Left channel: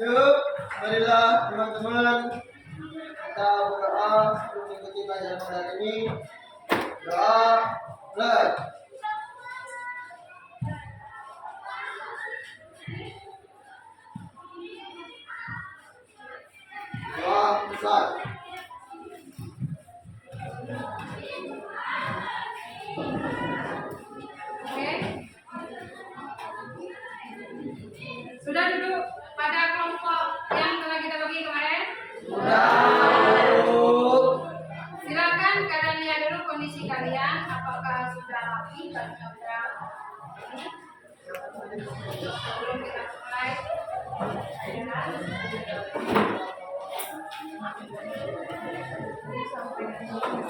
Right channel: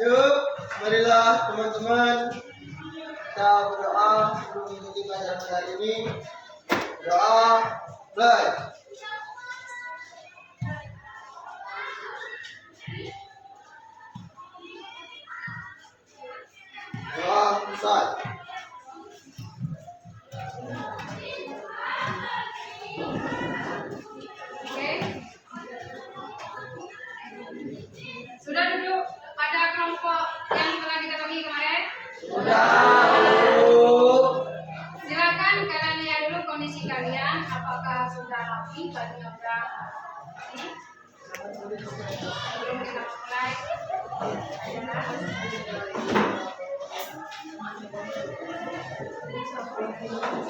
Yuk, marilah teman-teman kita berdoa sebelum mengikuti pelajaran hari ini. Doa, mulai. Doa, selesai. Oke. Sudah duduk pada kelompok yang telah kita bagi kemarin? Sudah. Silakan kalian lihat dulu kondisi kalian, apakah sudah rapi, bajunya sudah rapi. Sebelum kita mulai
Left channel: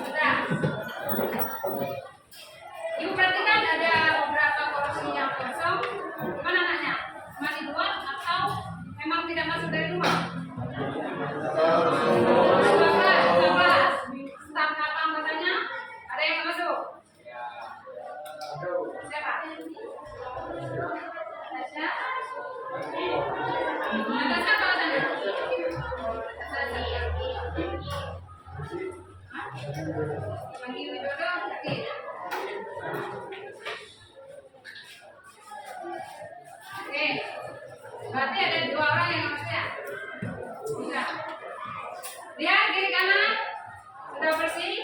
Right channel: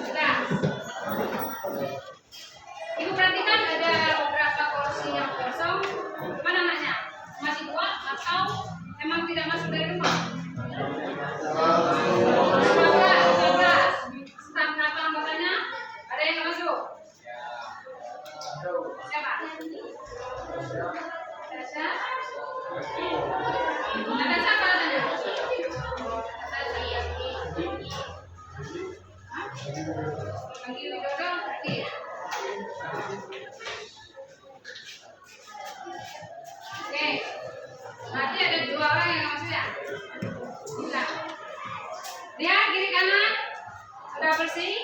sudah. Ibu perhatikan ada beberapa kursi yang kosong. Mana anaknya? Masih dua atau memang tidak masuk dari rumah? 15. Staf kenapa anggotanya? Ada yang nggak masuk? Siapa? Tasya? Ada siapa katanya? Panggil Widodo, pergi. Oke, berarti ada dua orang yang masuk ya? Bisa. Lihat kiri kanan, sudah bersih,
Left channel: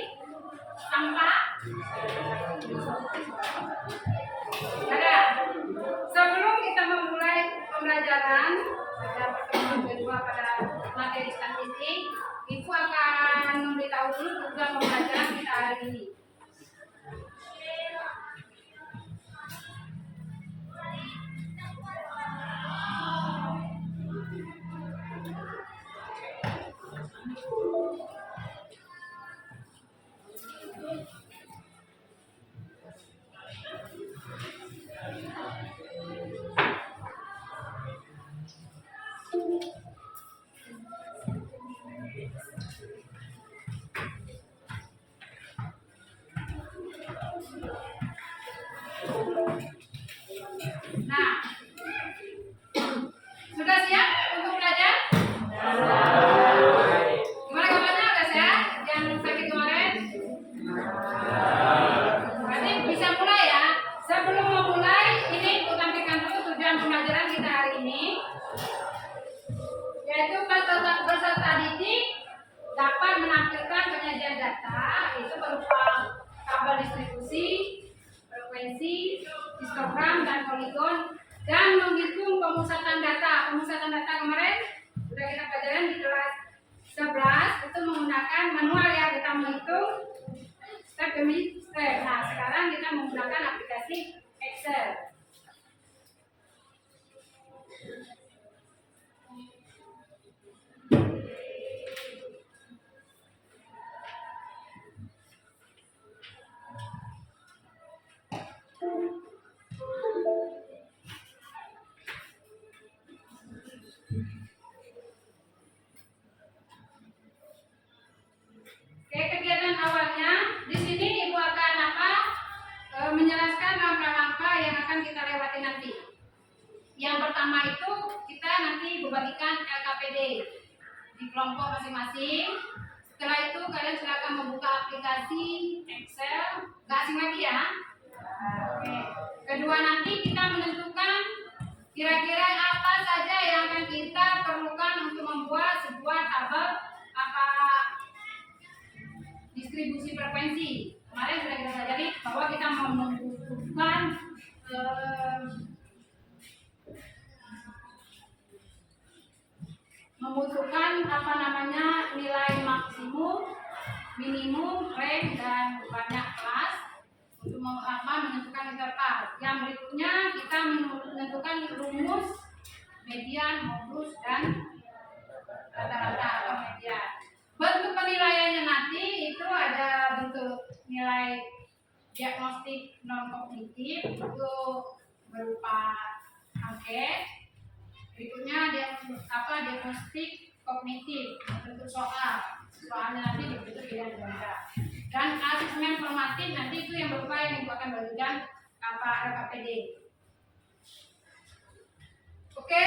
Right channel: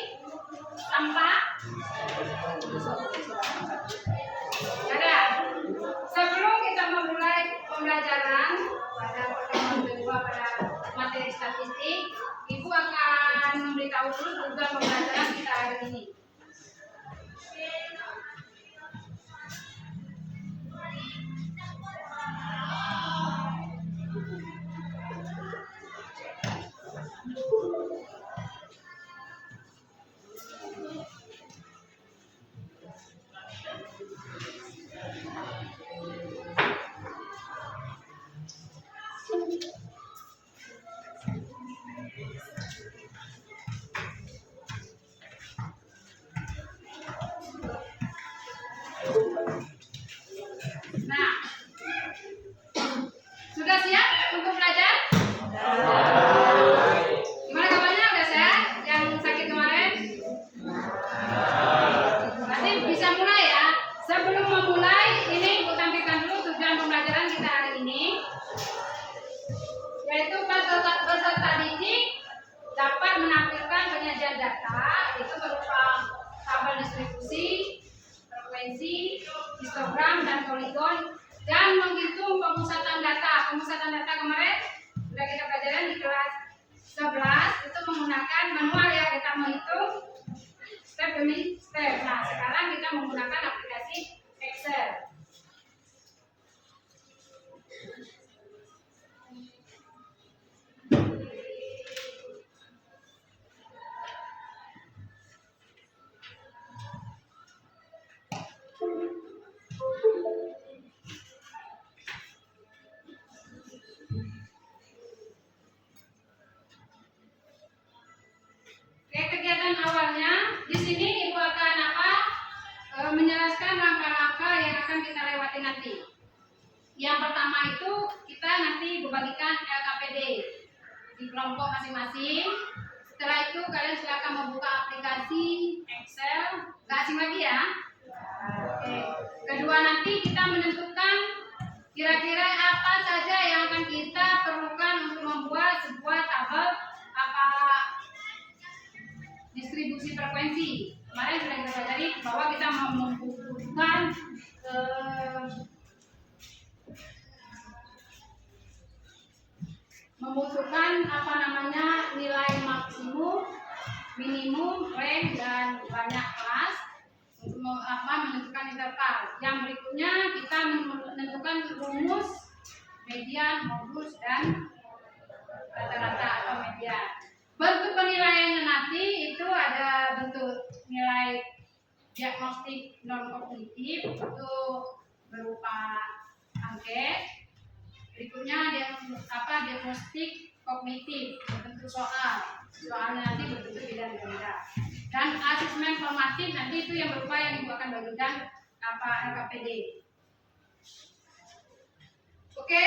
sampah. Ada. Sebelum kita memulai pembelajaran pada pertemuan kedua pada materi statistik, Ibu akan memberitahu dulu tujuan pembelajaran kita hari ini. Nah, sudah siap untuk belajar? Gimana kabarnya? Udah sehat? Yang sakit kemarin? Berarti bisa mulai ya. Sebelum memulai, ini aku tampilkan dulu tujuan pembelajaran kita hari ini, yaitu peserta didik dapat menampilkan penyajian data itu berupa tabel distribusi, frekuensi, histogram dan poligon, dan menghitung pemusatan data. Pemusatan data kemarin sudah kita pelajarin di kelas 11, itu menggunakan manual ya, kita menghitung step demi step. Nah, sekarang kita menggunakan aplikasi Excel. Oke, kegiatan awalnya di sini Ibu akan menjelaskan langkah-langkah yang akan kita lewati nanti. Yang pertama itu kita nanti membagikan LKPD di kelompok masing-masing. Setelah itu kalian silakan membuka aplikasi Excel, nggak asing lagi ya. Oke. Kedua, nanti kita menentukan kira-kira apa saja yang akan kita perlukan untuk membuat sebuah tabel distribusi frekuensi. Kemarin sudah kita pelajari bahwa kita membutuhkan nilai maksimum, minimum, range, dan banyak kelas untuk menentukan interval. Yang berikutnya kita menentukan rumus, median, modus, dan rata-rata atau median. Bentuk penilaiannya nanti itu ada bentuk nilai diagnostik non kognitif, itu berupa angket. Berikutnya diagnostik kognitif, bentuk soalnya nanti berbentuk beda-beda. Dan asesmen formatif nanti itu yang berupa yang Ibu akan bagikan LKPD. Oke,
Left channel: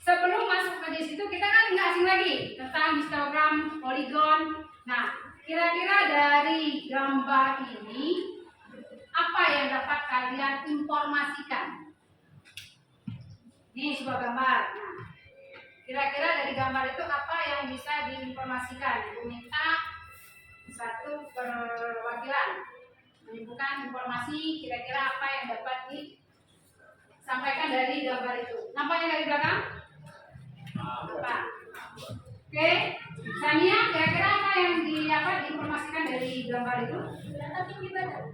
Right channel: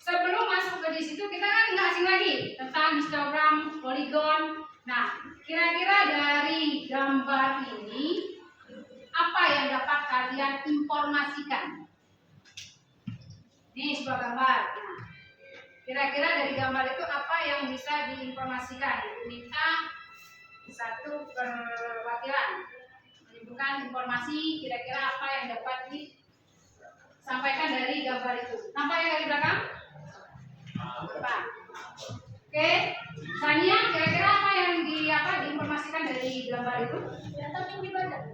sebelum masuk ke di situ kita kan nggak asing lagi tentang histogram, poligon. Nah, kira-kira dari gambar ini apa yang dapat kalian informasikan? Ini sebuah gambar. Nah, kira-kira dari gambar itu apa yang bisa diinformasikan? Ibu minta satu perwakilan menyimpulkan informasi kira-kira apa yang dapat disampaikan dari gambar itu. Nampak yang dari belakang? Nampak. Oke, Sania, kira-kira apa yang diinformasikan dari gambar itu? Data tinggi badan.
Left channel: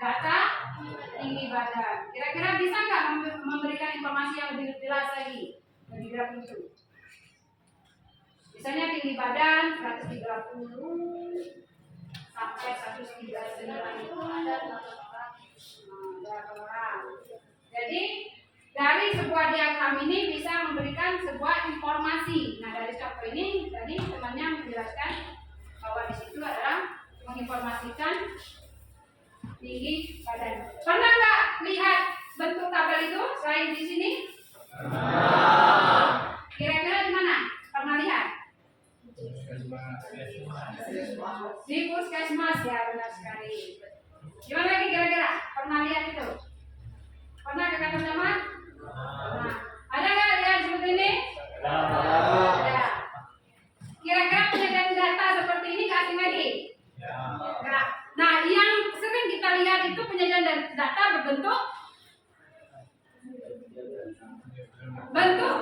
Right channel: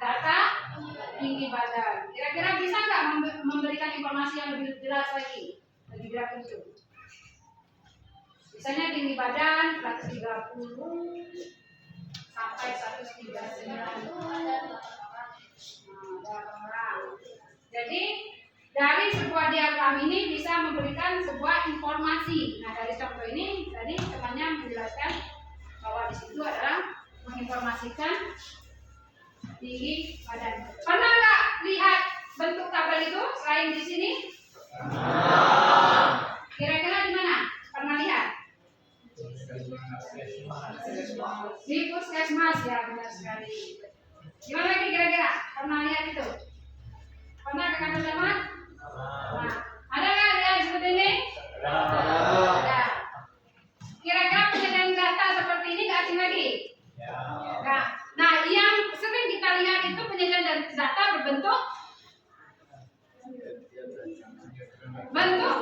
Data tinggi badan. Kira-kira bisa nggak memberikan informasi yang lebih jelas lagi dari grafik itu? Misalnya tinggi badan 130 sampai 139 ada orang. Jadi dari sebuah diagram ini bisa memberikan sebuah informasi. Nah, dari contoh ini tadi temannya menjelaskan bahwa di situ adalah menginformasikan tinggi badan. Pernah nggak lihat bentuk tabel itu selain di sini? Kira-kira di mana? Pernah lihat? Di puskesmas, ya benar sekali. Gimana lagi kira-kira? Pernah lihat itu? Pernah ke kantor camat? Nah, ada nggak lihat seperti ini? Ada. Kira-kira penyediaan data seperti ini nggak asing lagi? Nggak. Nah, yang sering kita lihat itu penyediaan data berbentuk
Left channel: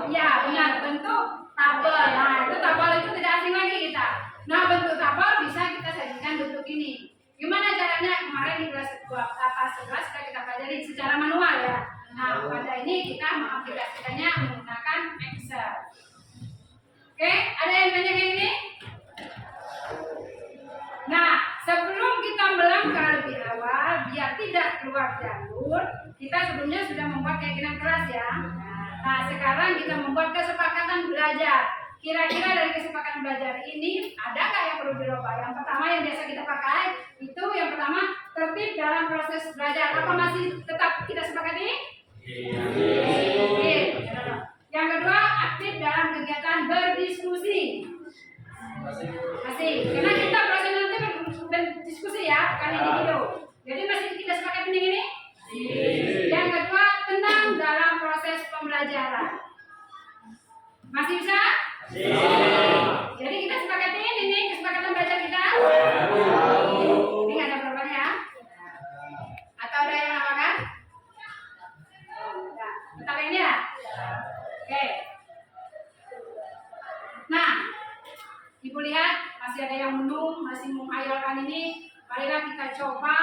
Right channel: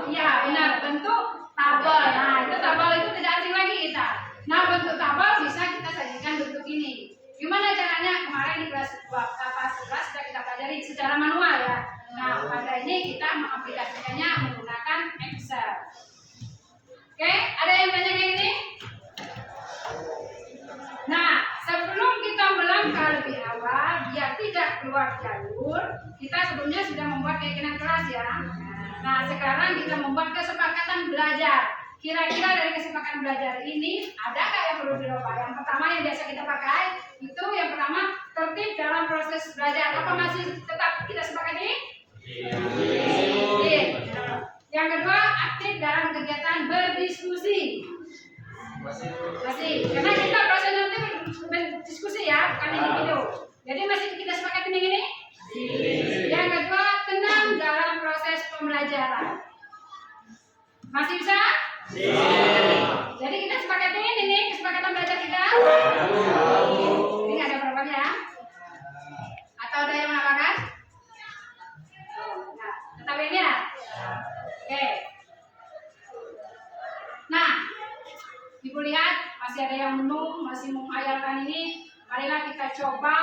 ya benar, bentuk tabel. Nah, itu tabel itu tidak asing lagi kita. Nah, bentuk tabel bisa kita sajikan bentuk ini. Gimana caranya? Kemarin di kelas 11 sudah kita pelajari secara manual ya. Nah, pada ini kita mengaplikasikannya menggunakan Excel. Oke, ada yang tanya kayak gini? Nah, sebelum kita melangkah lebih awal, biar tidak keluar jalur, kita sebelumnya sudah membuat keyakinan keras ya. Nah, sekarang kita membuat kesepakatan belajar. Kira-kira dari kesepakatan belajar ini ada nggak yang perlu dirubah? Yang pertama yang biasa kita pakai itu yang pertama tertib dalam proses belajar. Apa masih tetap kita sepakati? Yang kedua aktif dalam kegiatan berdiskusi. Masih. Karena kita prosesnya itu berdiskusi ya, bukan individu. Jadi masih kita sepakati ini? Yang kedua tenang dalam proses pembelajaran. Masih bisa? Jadi kita sepakati ini nih kesepakatan belajar kita. Ini nggak ada perubahan ya? Atau ada yang menambahkan? Enggak. Tetap ini ya? Oke. Nah, Ibu lihat masih ada yang menung, masih menghayalkan ini. Marilah kita coba.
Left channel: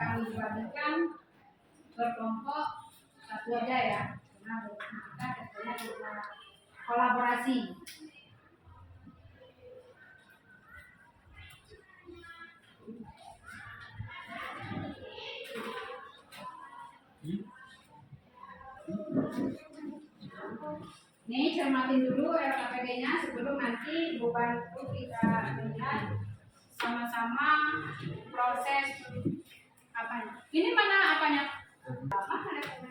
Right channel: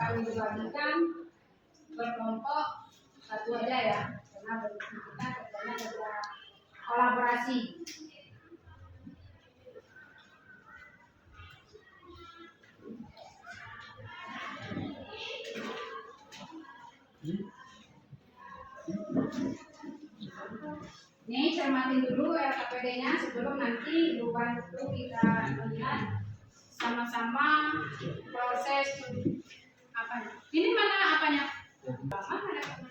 kami dibagikan berkelompok satu aja ya, karena kita kerjanya kerja kolaborasi. Ini cermatin dulu LKPD-nya sebelum nanti beban itu kita lihat sama-sama proses apanya. Ini mana apanya? Mana apanya?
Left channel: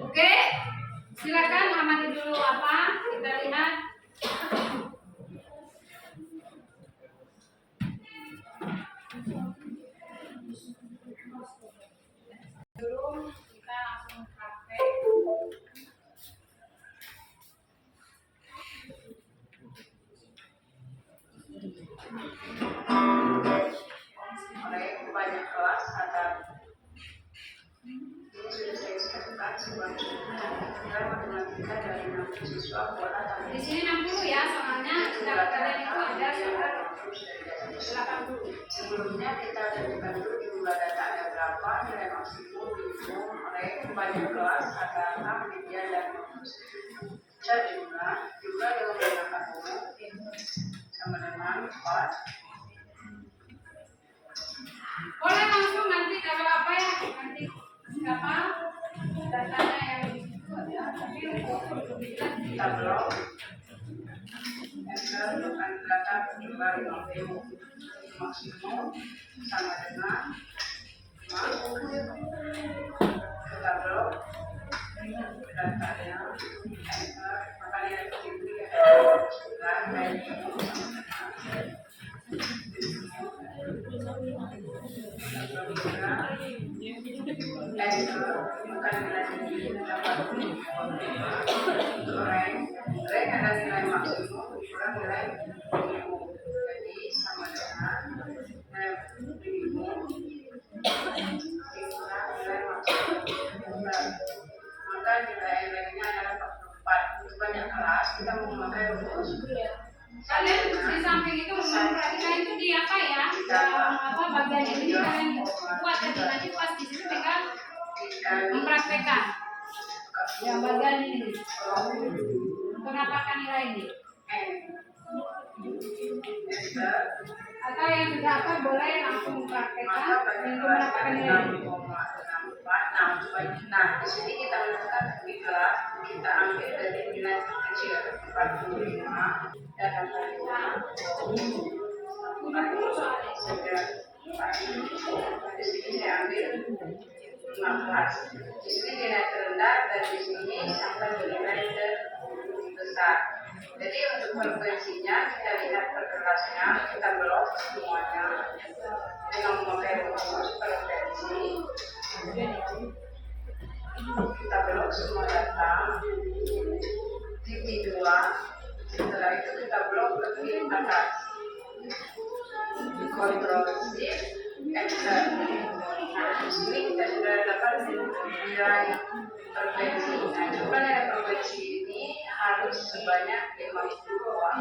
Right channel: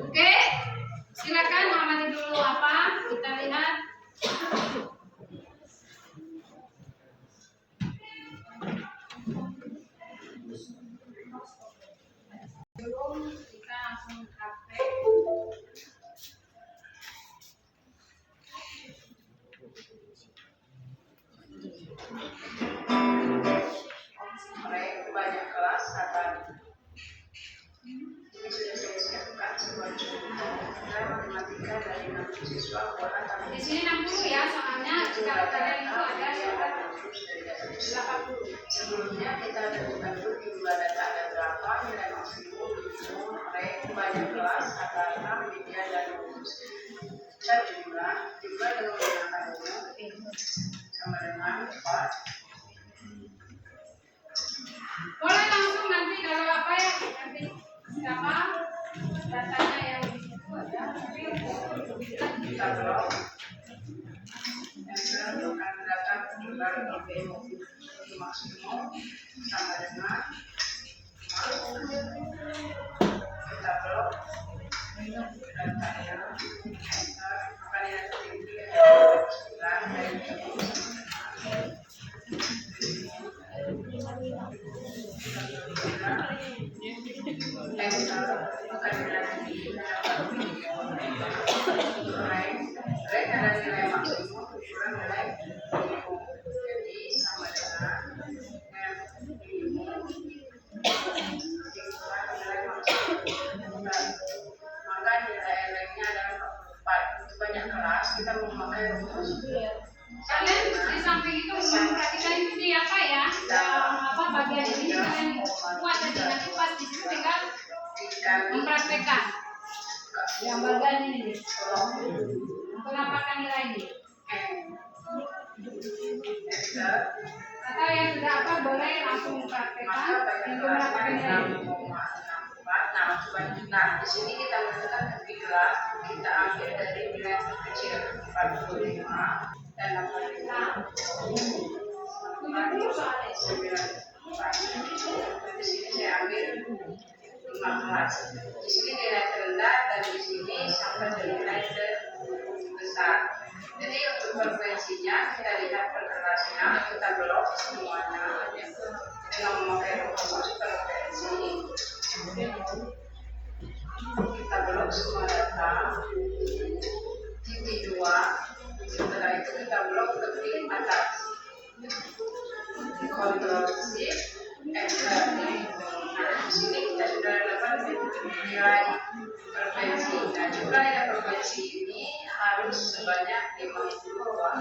Oke, silakan amati dulu apa kita lihat. Sebelum kita langsung praktek. Oleh banyak kelas akan ini sudah saya siapkan sebuah contoh matematika dari 60 siswa kuota tahun Di sini 60 ya, soalnya kalian itu ada 80. Sebelumnya kita tentukan dulu di jumlah data ada berapa, nilai maksimum, minimum, rank, banyak kelas, kata, media, dan rumus. Cari jumlah dengan menggunakan umum sama dengan 4. Boleh langsung nanti kalau apa ya nanti siapa datanya yang itu ada, tapi Kita blok enter bukan data jumlah minimum maksimum sama dengan 5. Kita blok data yang enter makanya nanti diberi dan bukan rank adalah nilai maksimum kurang nilai minimum, jadi sama dengan minimum kurang nilai maksimum. Maka nilai ranknya adalah 44. Untuk banyak kelas kita memakai rumus kalian di samping itu memperhatikan itu di apa ya, apa bagian ini kalian buat jadi nanti pas di situ tinggal mempraktekkan yang bagian ini untuk dapatkan nilai ini. Atau yang sudah apa boleh langsung mempraktekkan untuk mendapatkan nilai ini. Nah, di sini kita menentukan di kelas kita ambil dari nilai terkecil 45 dan 65. 70 soalnya. Di sini saya ambil 15. Di sini nilai terendah dan di sini sampai nilai terbesar. Jadi untuk frekuensinya kita lihat per kelasnya, kita blok semuanya dengan memakai rumus frekuensi. Kita blok semua data titik 2. Setelah itu kita blok ke klik atas, Ctrl Shift Enter. Nah, di sini kita sudah dapat nilai frekuensi. Nah, jumlah nilai frekuensi ini harus sebanyak 50 bawah.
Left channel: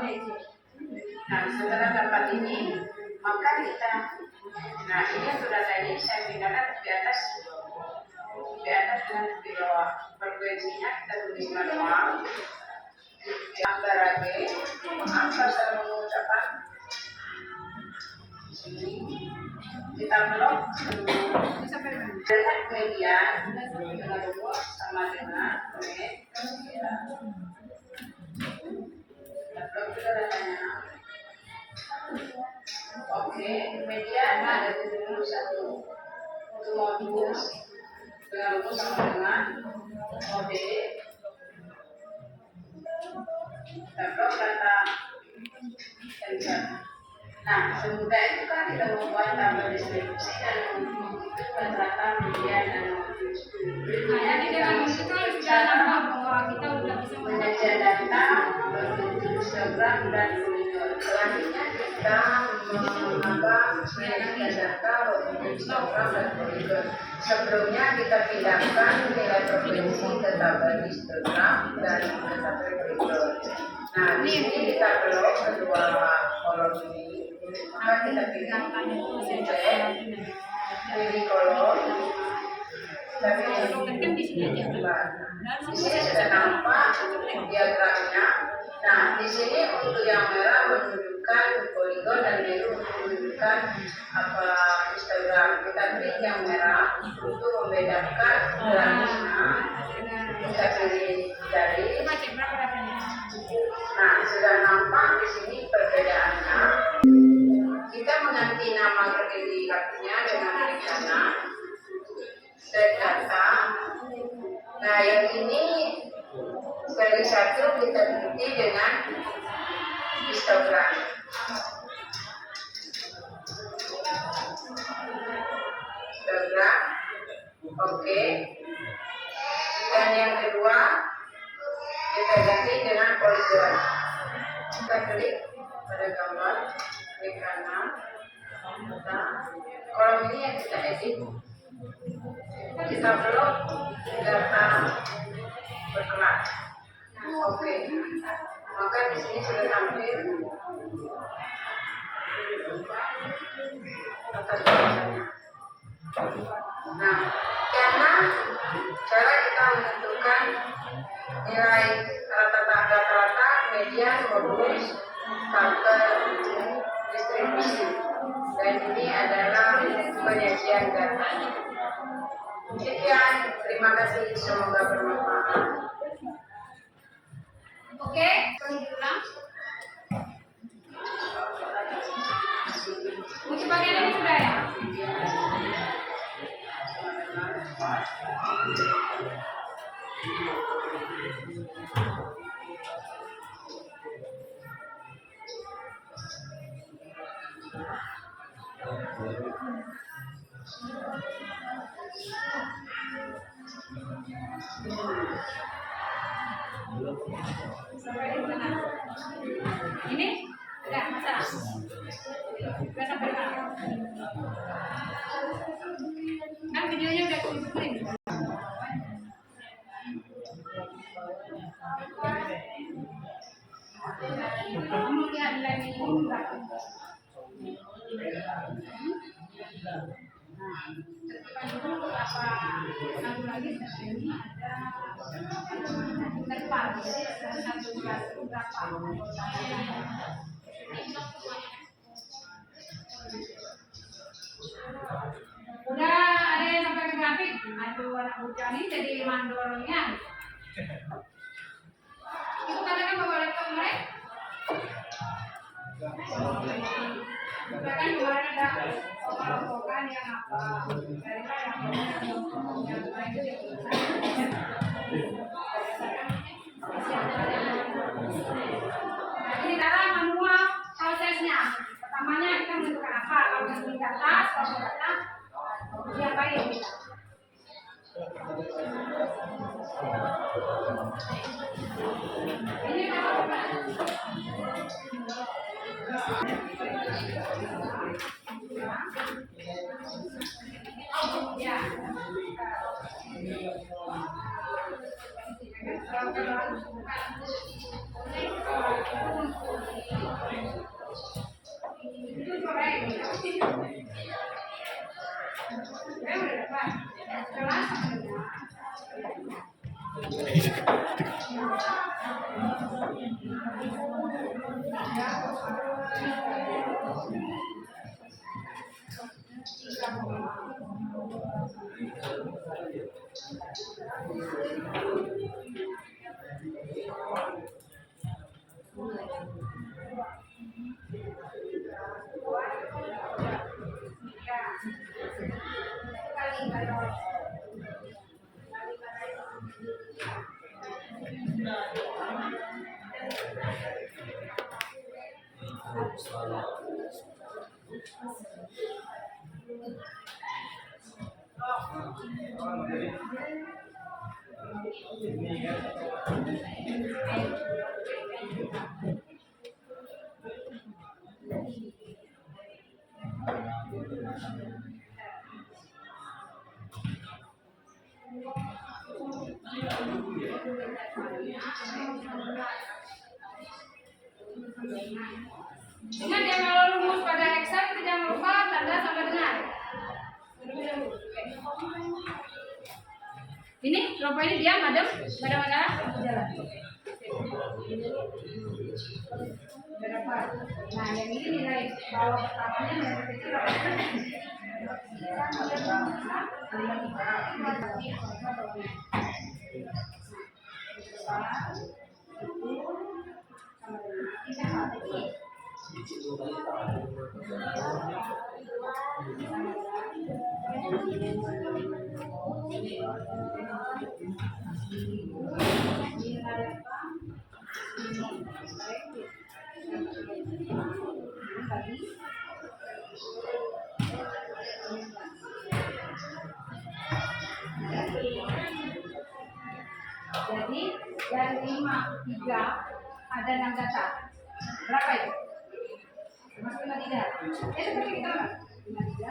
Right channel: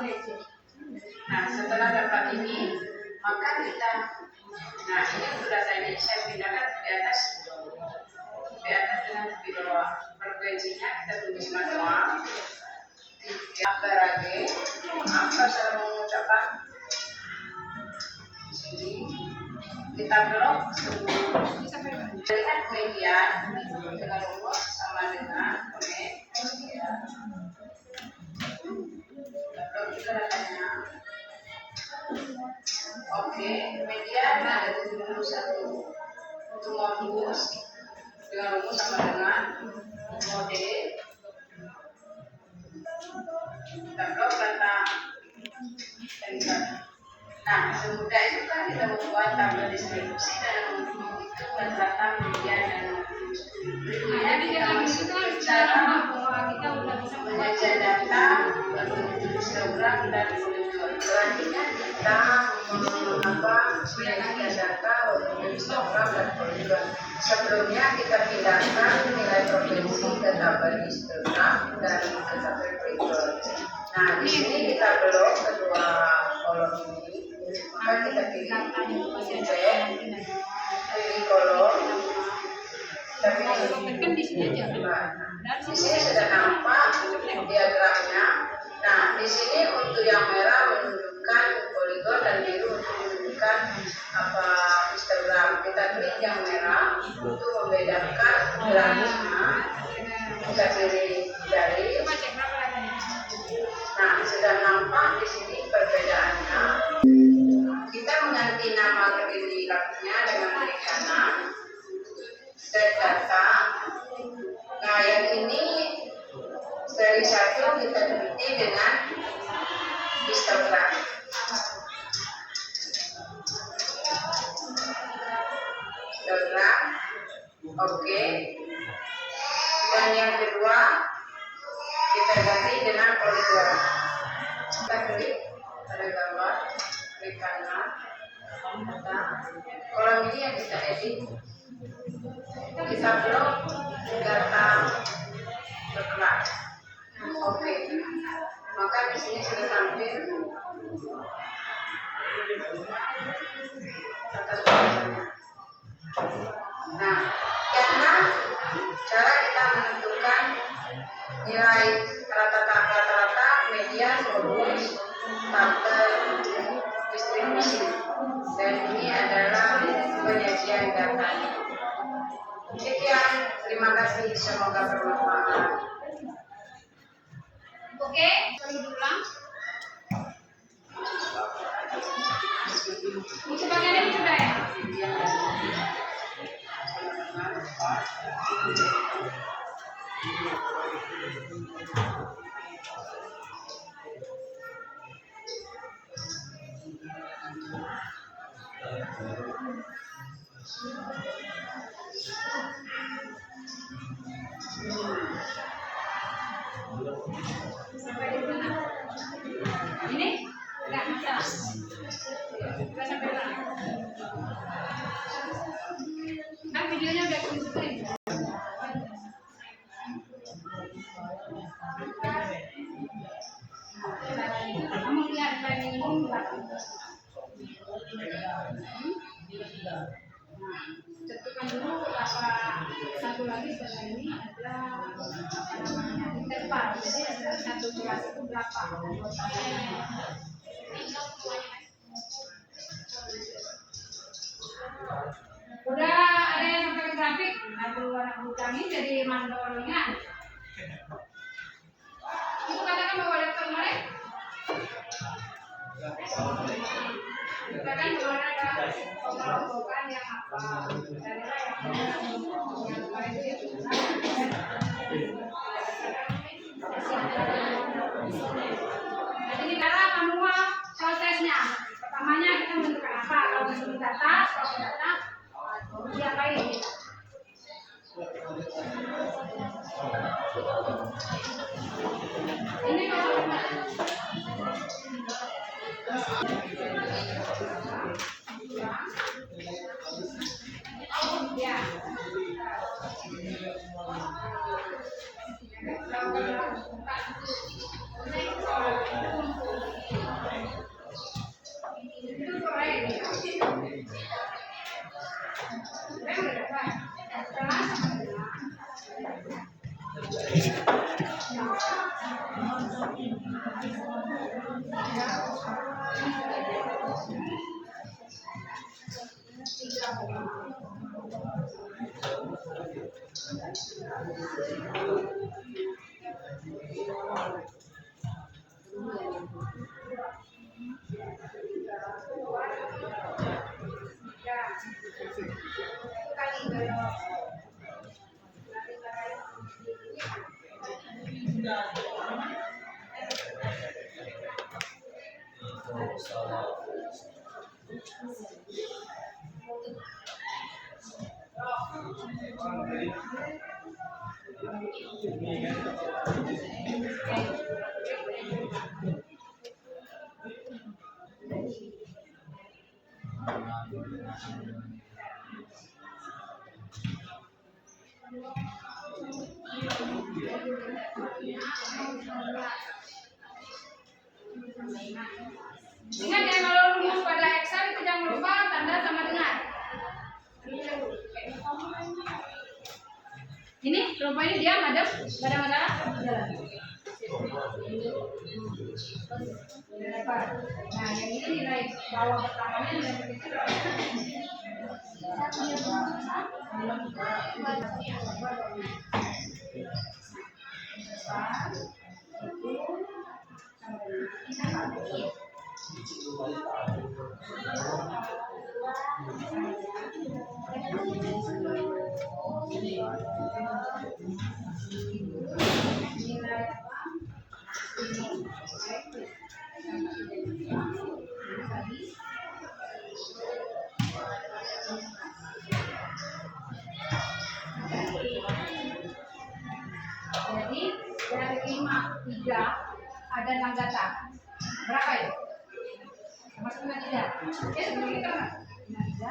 Nah, setelah dapat ini, maka kita, nah ini untuk data ini saya pindahkan di atas dengan di bawah. Frekuensinya kita tulis manual. Agar apa saya mengucapkan sini kita blok dengan median dengan rumus sama dengan median. Kita blok juga datanya. Oke, median ada di rumus 1 untuk modus dengan rumus sama dengan mode. Kita blok data enter. Nah, semudah itu kan kita membuat tabel distribusi dan menghitung data median dan modus. Nah, jadi dengan itu kan sudah nampak bahwa kita udah bisa Penyajian data berbentuk histogram dan poligon. Selanjutnya kita menambah penyajian data berbentuk histogram dan poligon. Sebelumnya kita pindahkan nilai provinsi ke tabel historik dan ke tabel berikut. Nah, di sini kita belok kedua kolom ini, maka kita pilih C, pilih kolom, dan kan di sini aja kan. di sini sudah nampak diagramnya. Nah, di sini untuk yang merah menunjukkan poligon dan biru untuk menunjukkan apa histogram. Kita klik yang merah untuk membedakan geraknya. Kita pilih jari. Coba cek berapa datanya. Nah, sudah nampak di sini perbedaannya. Kita mengganti nama kredit kartunya dengan klik kanan. Set data. Nah, yang ini seri 1 kita ikuti dengan histogram. Histogram, oke. Dan yang kedua kita ganti dengan poligon. Kita klik pada gambar, klik kanan. Nah, kolom ini yang kita edit. Kita blok data berkelas. Oke. Maka di sini sudah tampil data berkelasnya. Nah, karena cara kita menentukan nilai rata-rata median modulus tabel distribusi, dan ini adalah penyajian datanya. Sekian, terima kasih, semoga bermanfaat. Oke, perlu diulang. Untuk bagian ini sudah ya. Sampai di mana? Ini? Enggak masalah. Enggak sampai mana? Kan videonya udah full screen. Kamu lihat lagi ini berapa? Nah, tentukan dulu apa satu lagi setelah ini ada interval. Jadi satu kelas itu berapa anggotanya? Udah ada yang sampai ke grafik? Aduh, anak bujang ini jadi mandornya. Itu katakan bawa laptop kemarin? Katakan kemarin ada omongan yang apa? Dari yang kemarin itu ya. Nah, ini cara semua prosesnya. Pertamanya kita menentukan apa? Kalau menentukan data, soal data, diapain kita? Ini kalau ya. Ingat ya, kalau rumus pada Excel itu jangan lupa tanda sama dengan. Ini kelompok ini diam, adem, nggak ada masalah. Nah, yang ini nilai bawah pertamanya nilai kecil. Jadi dari 5, 3 ada 6 data. Berapa itu? Masuk 5, 3. Ya seperti kita mana? 5, 3,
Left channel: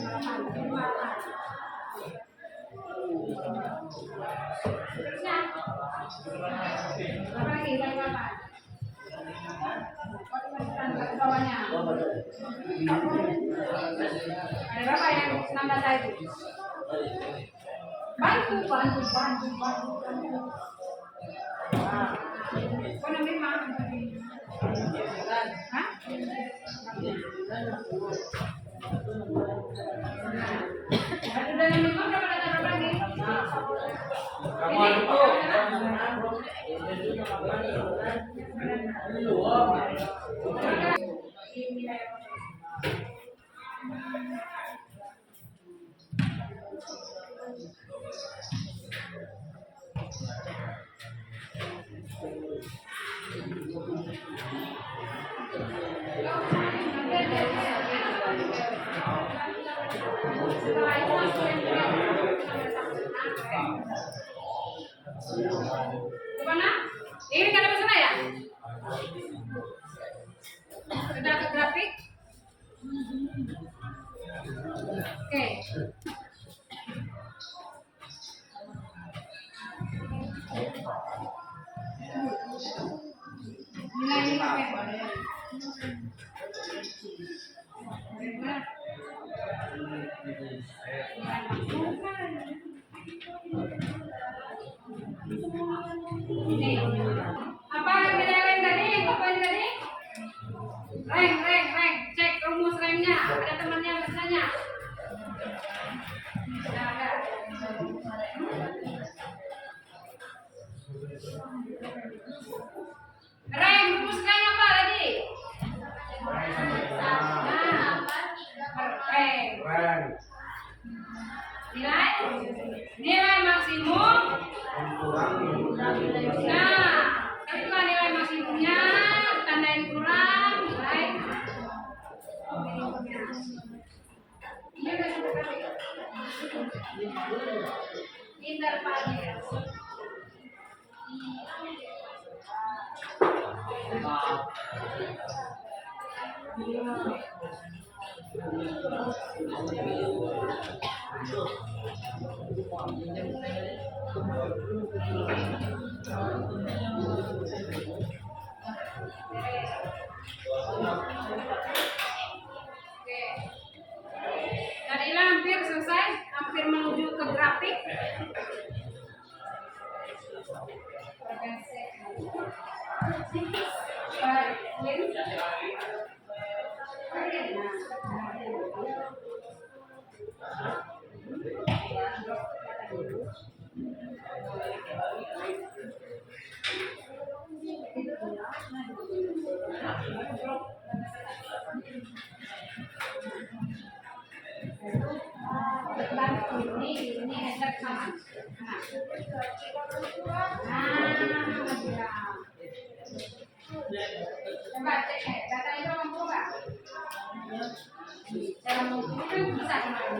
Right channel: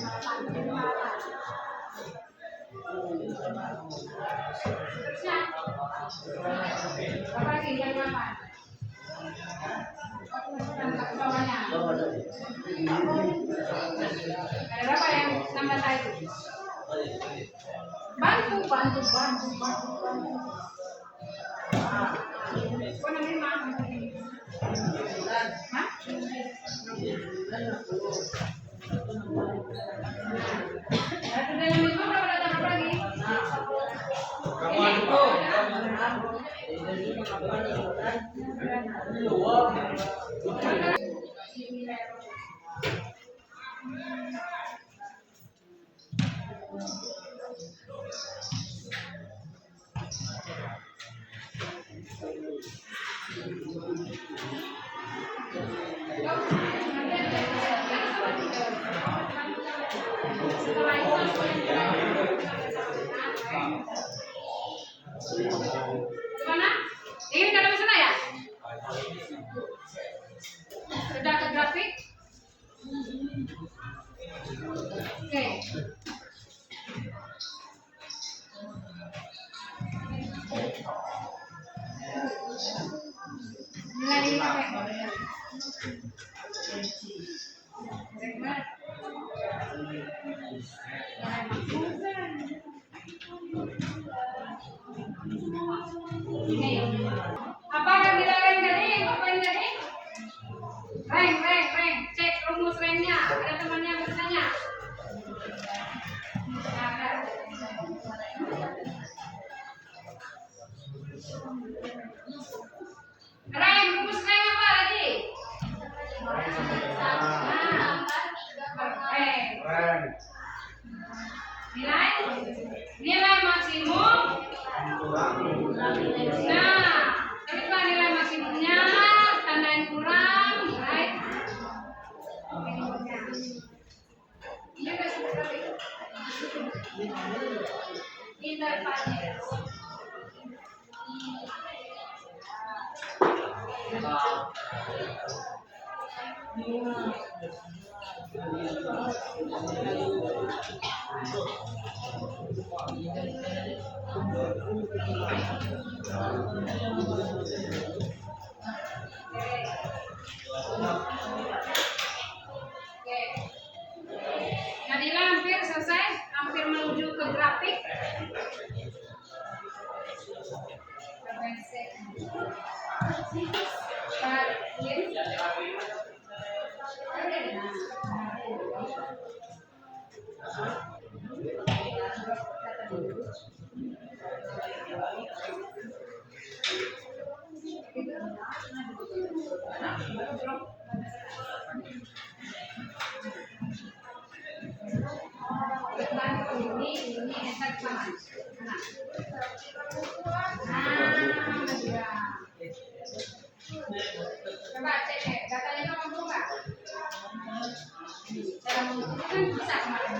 5, 8. Terusnya berapa lagi? 8. Masukkan ke bawahnya. Ada berapa yang 6 data itu? Bantu. Kau 65? Hah? 65 berapa data berapa lagi? Gimana? Ini nggak ada masalah ya? Sudah ke grafik? Oke. Nilai ini apa? Apa yang nilai tadi? Apa yang tadi? Rank. Cek rumus ranknya. Ada temannya bertanya. Ada. Rank, rumus rank apa tadi? Rank. Nilai maksimum. Nah, carilah nilai maksimumnya, tandain kurang, nilai minimumnya. Ini besok berapa? Intervalnya. Jadilah hampir selesai, hampir menuju ke grafik. Ini headset sama. Coba cek datanya itu mampu nggak? Cara mengukur kan bisa kemarin.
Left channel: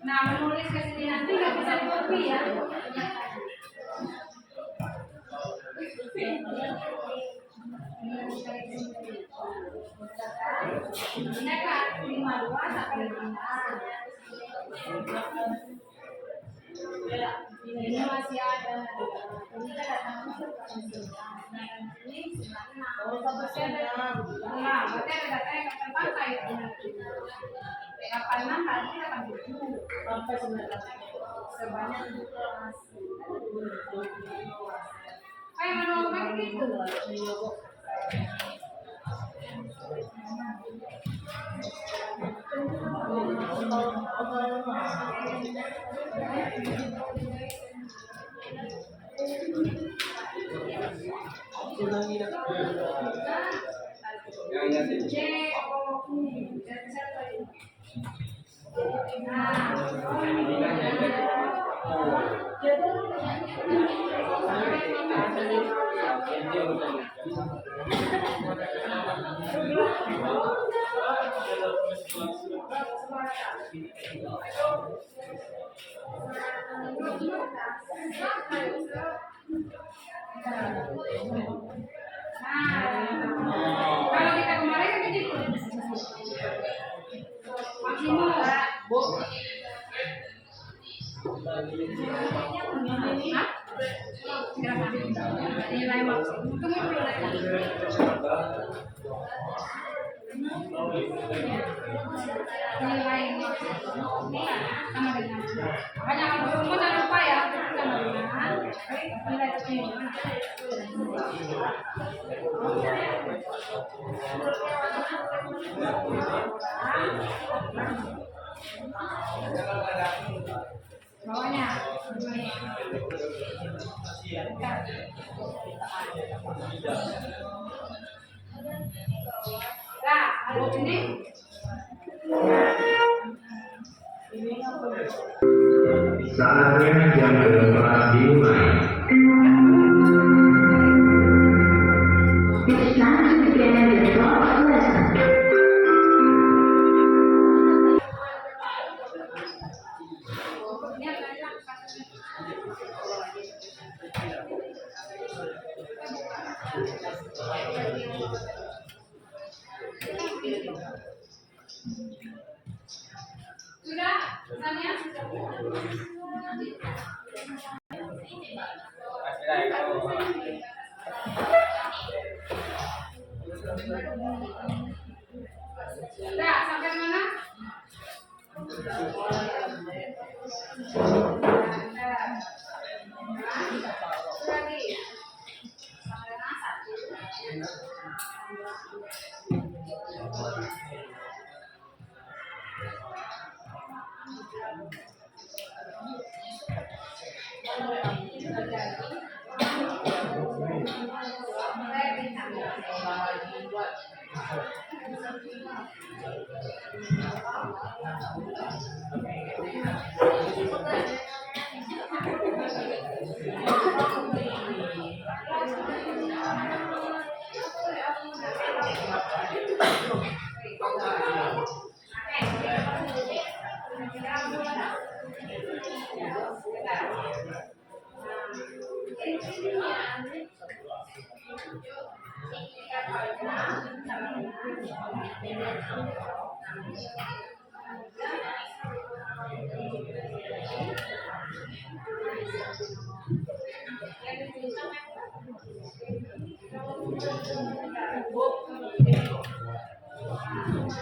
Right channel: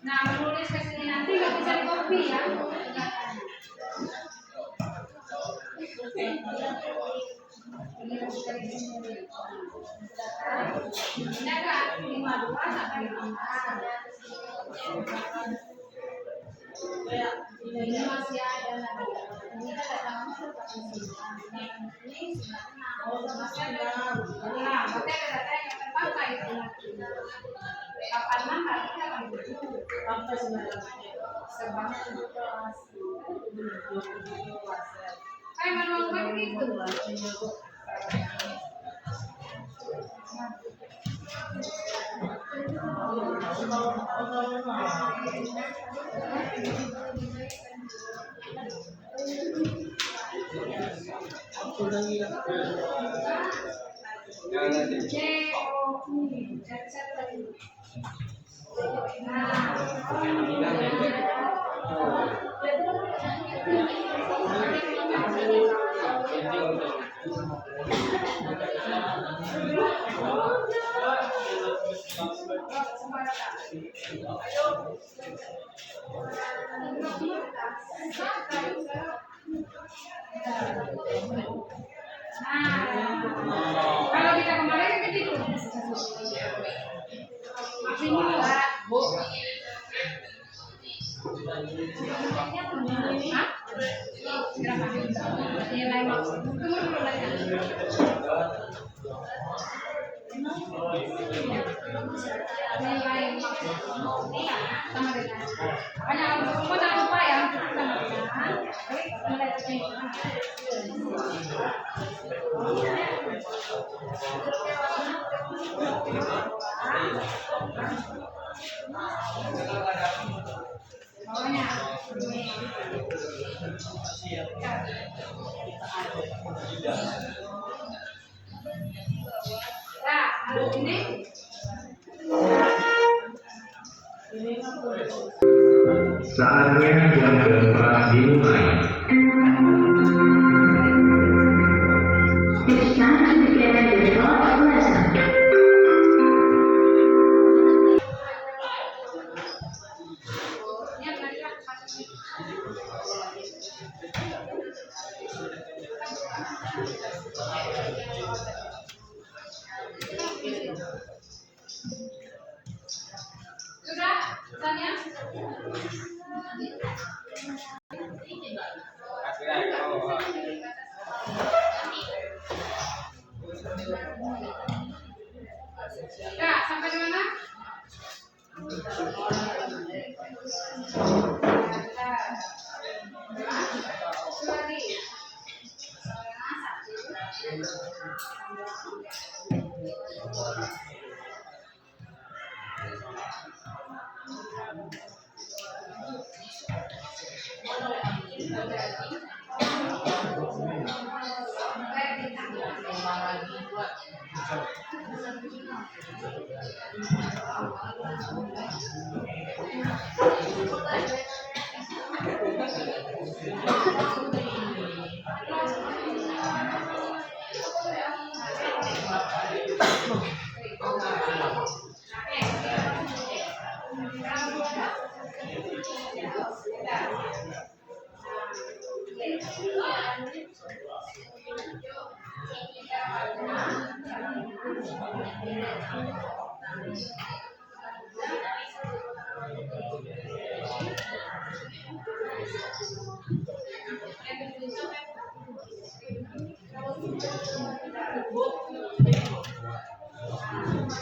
Nah, menulis ke sini nanti nggak bisa di copy ya. Ini kan 52 sampai 56. Ini masih ada nanti. Ini kan datang ini masih ada. Nah, berarti ada data yang akan pakai itu nanti. 86 kali ini 87 sampai 9 sebanyak 7 kelas. Kayak manual gitu. Kalau kita kemarin kan gitu. Maksimum Bu. Nilai maksimum. Tunggu dulu lagi. Nilai sama dengan. Jangan lupa ya sama dengan nilai tertinggi. Bawahnya nah, lalu ini Saatnya jam keempat dimulai. It's time to begin the fourth lesson. lihat lagi lah. Sudah, Tanya? Sudah, sampai di mana?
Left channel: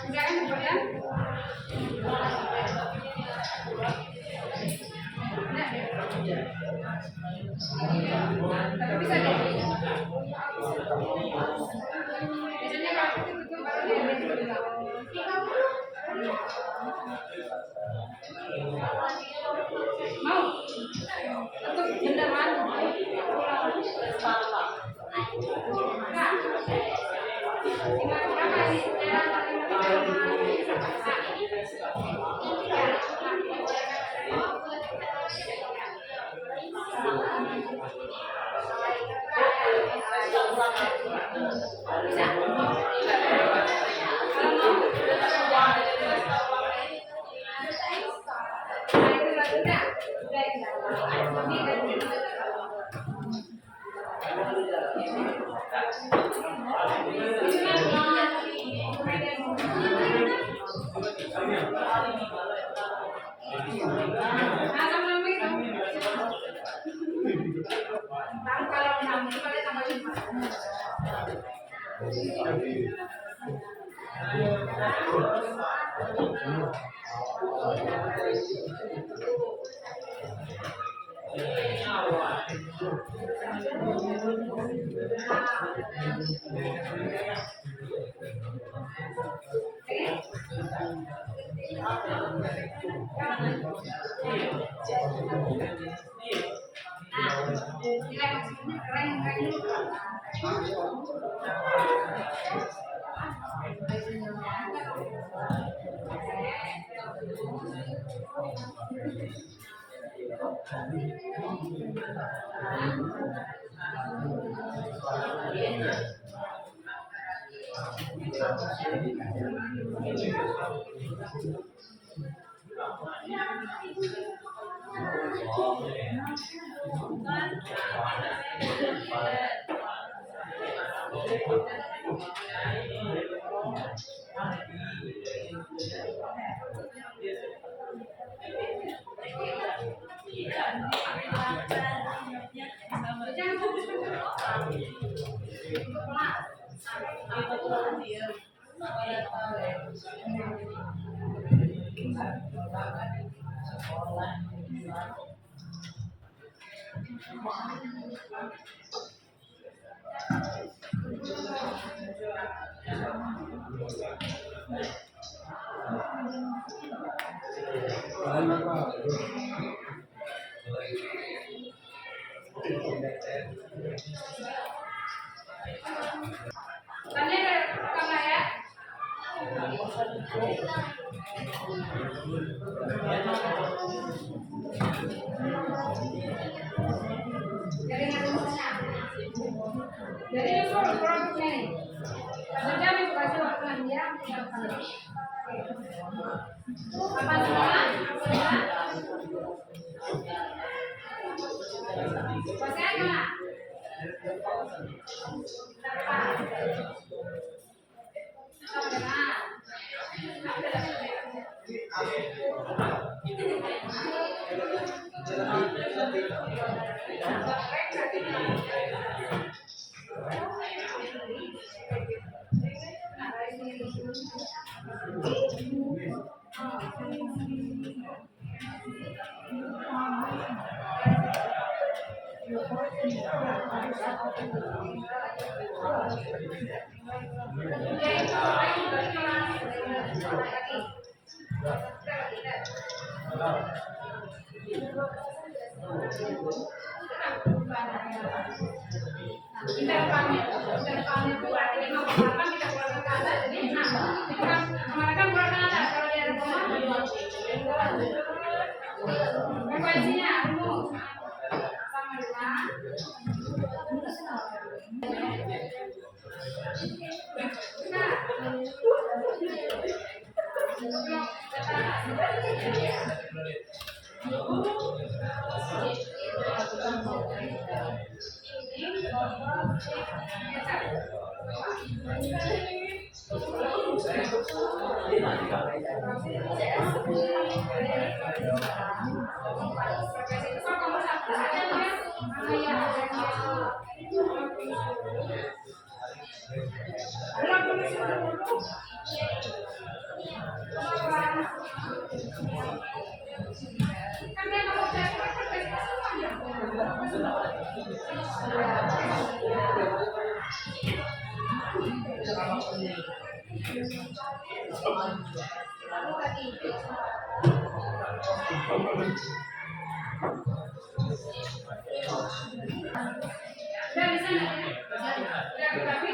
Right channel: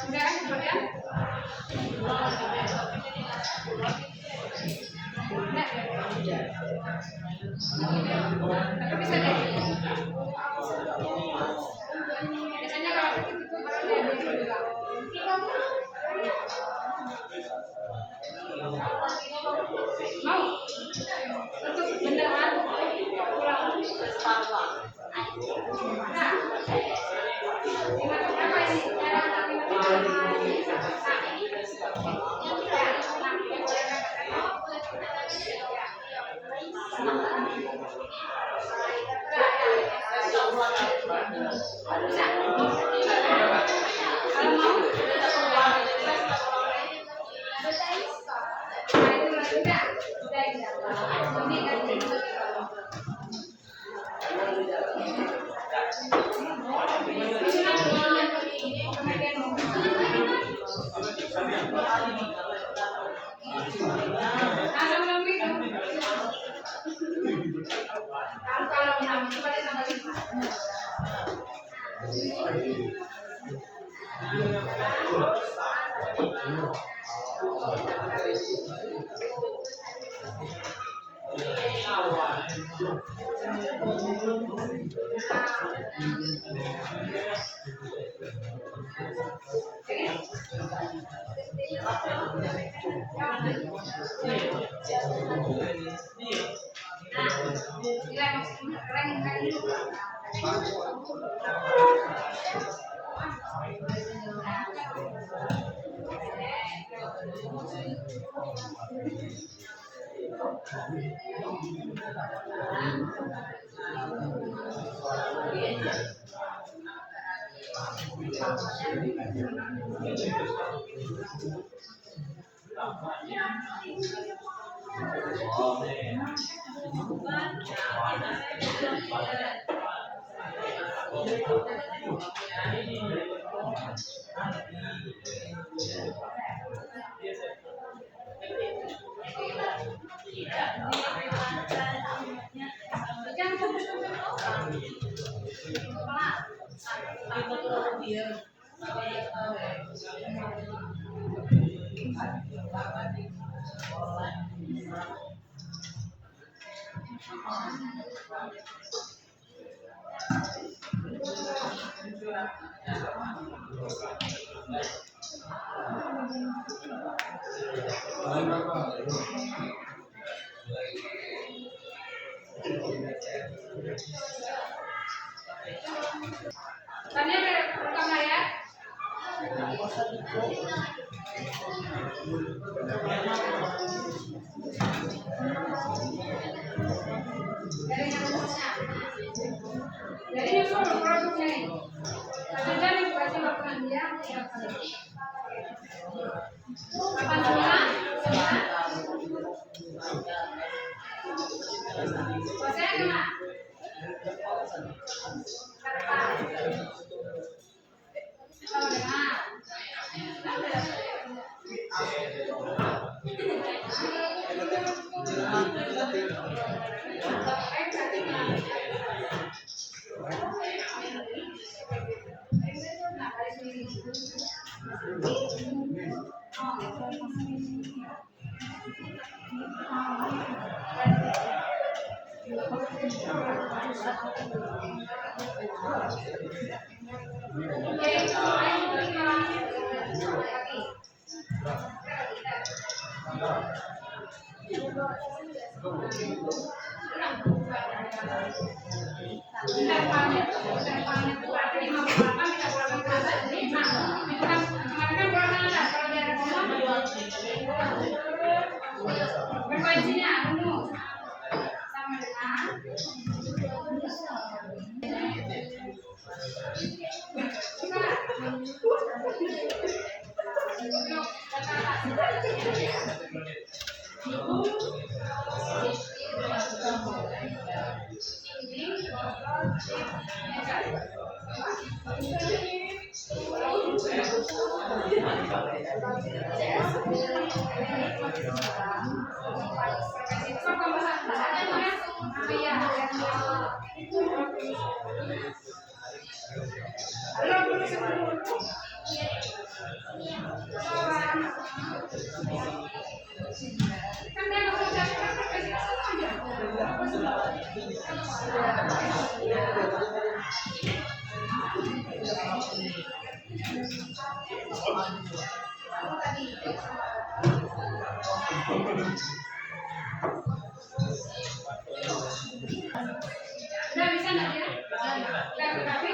Udah kan kemudian? Tapi bisa deh. Biasanya kalau itu baru dia bilang. Mau? Untuk beneran pulang. Nah, lima berapa ini? Bisa. nilai maksudnya keren kali. Tanya ada rekam ya? Dari yang solo produknya nih. Ada yang kasih makan dia. Apa semua? Pasang mana? Frekuensinya umum sama dengan udah bisa nggak ya? Udah berarti?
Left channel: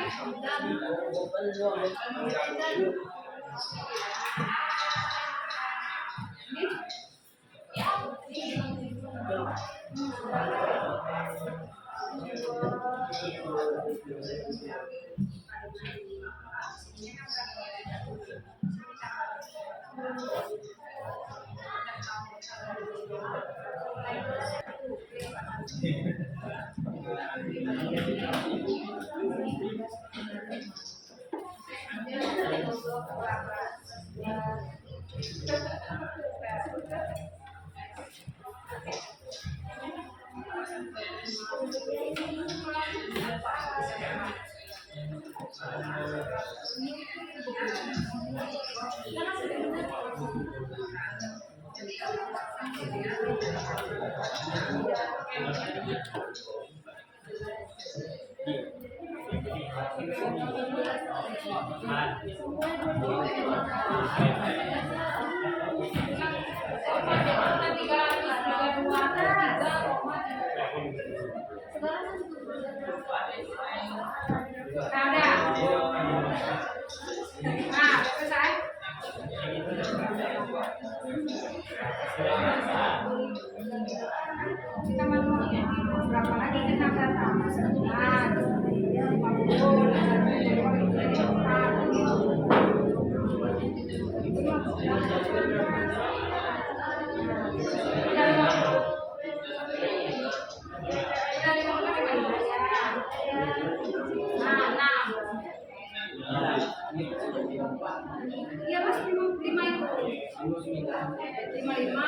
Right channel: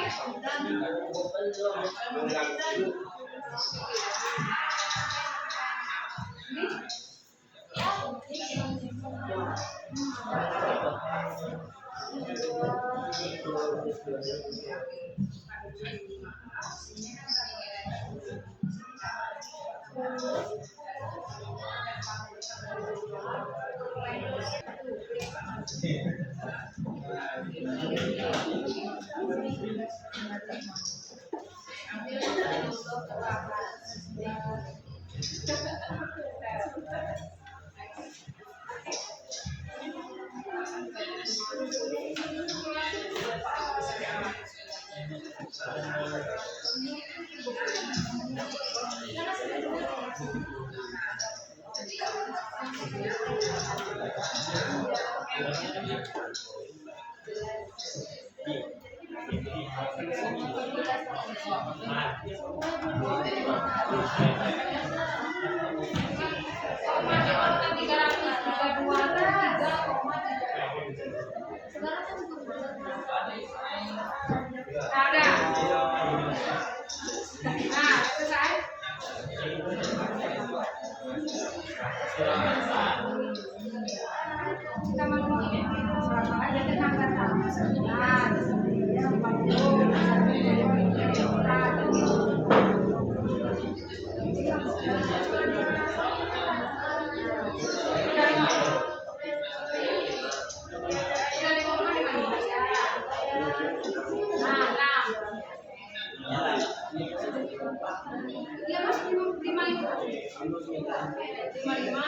Ada. Nah, selesai. Kita mau berapa lagi kita datang? Nah, 50. Iya mas 55 itu 55.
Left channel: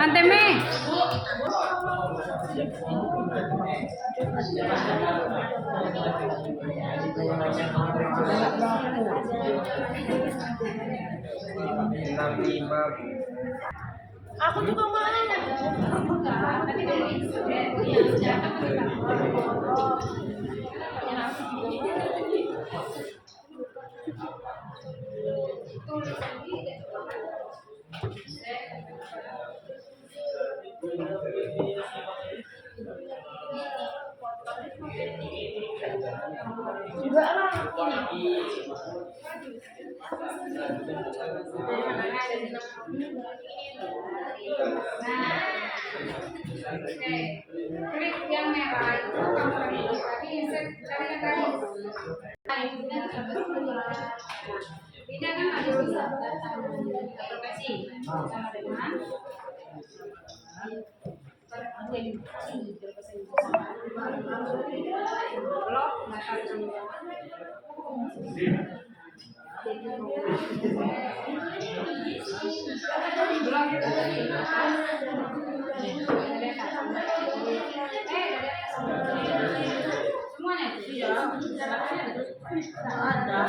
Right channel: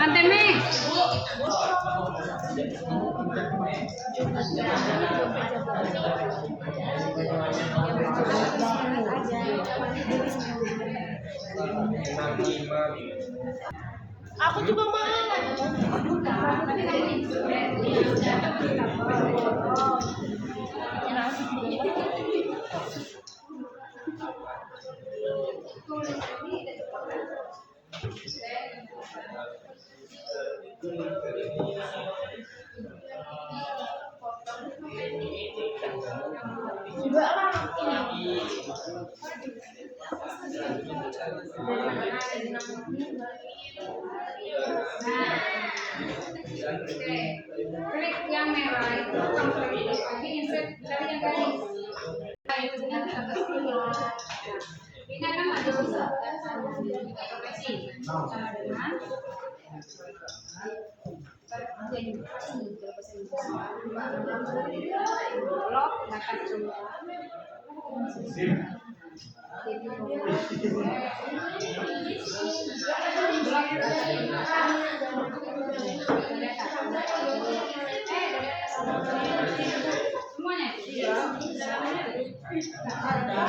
Anteme. Aku juga mau. Juga lah. Oke, klik yang merah itu kamu klik lagi insert dari yang tadi. Ini kan ada bisa data tiga profesi sama dengan blok mata semua. Blok semuanya itu ya. Ada.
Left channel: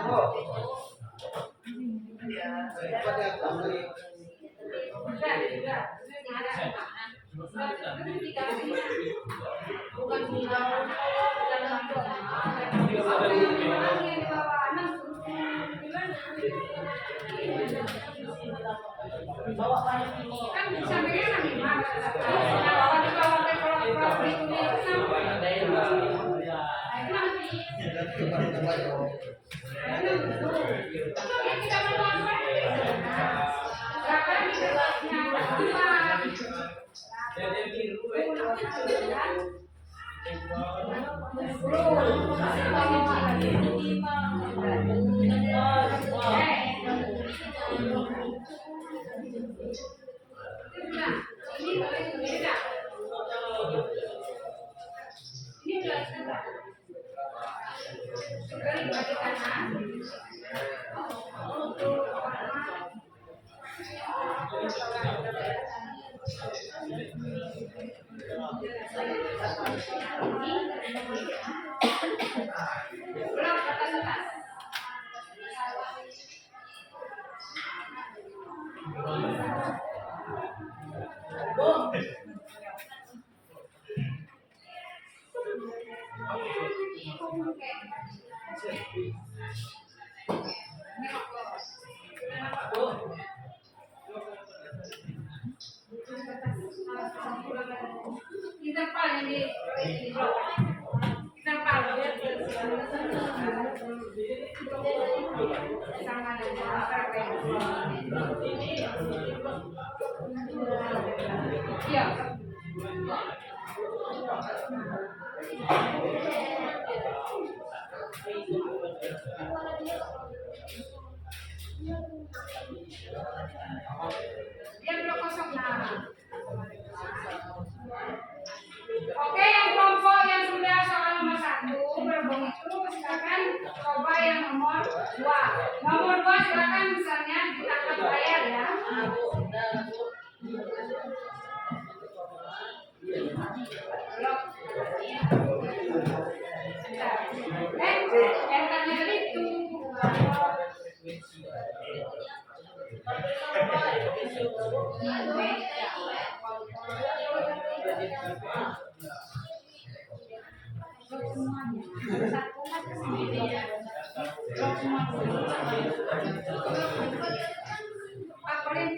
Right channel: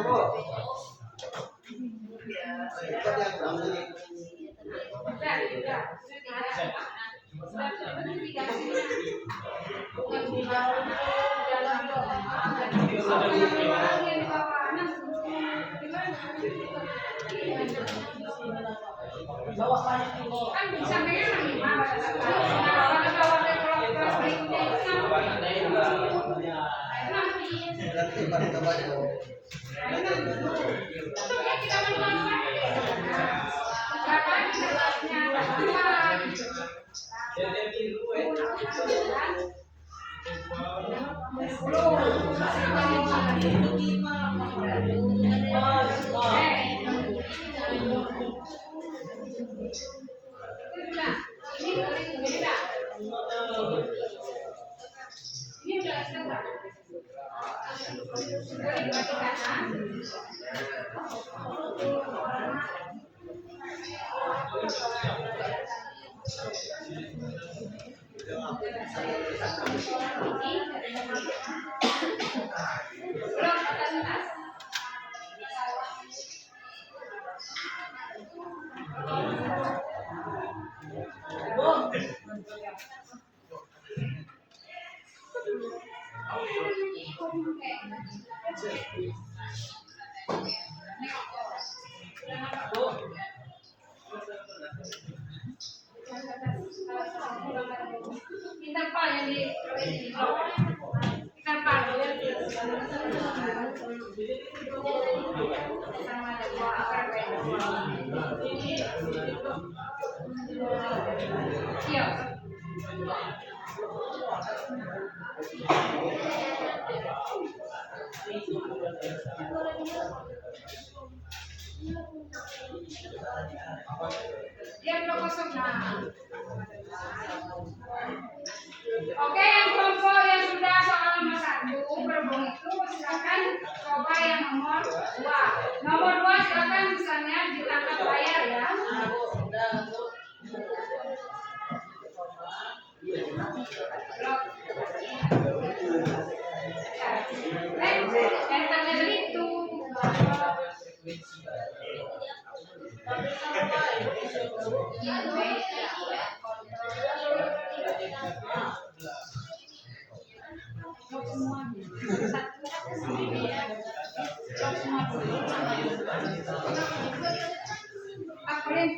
Bu. Cepat yang berapa nih? Kan sampainya kan 5 pada bawah kelas berikutnya itu sampai. Nah, itu nanti. Nanti pada coba ya. Itu yang kita melakukan. Sekarang kita interval yang di blok. Interval sama dengan iya. Dia blok kosong nah. Oke, yang kelompok yang sudah soal nomor 1 berhubung itu silakan coba yang nomor 2. Nomor 2 silakan misalnya ditangkap layar ya. Blok. Entarnya dari itu. Blok semuanya. Satu blok semua. Pak Kolin.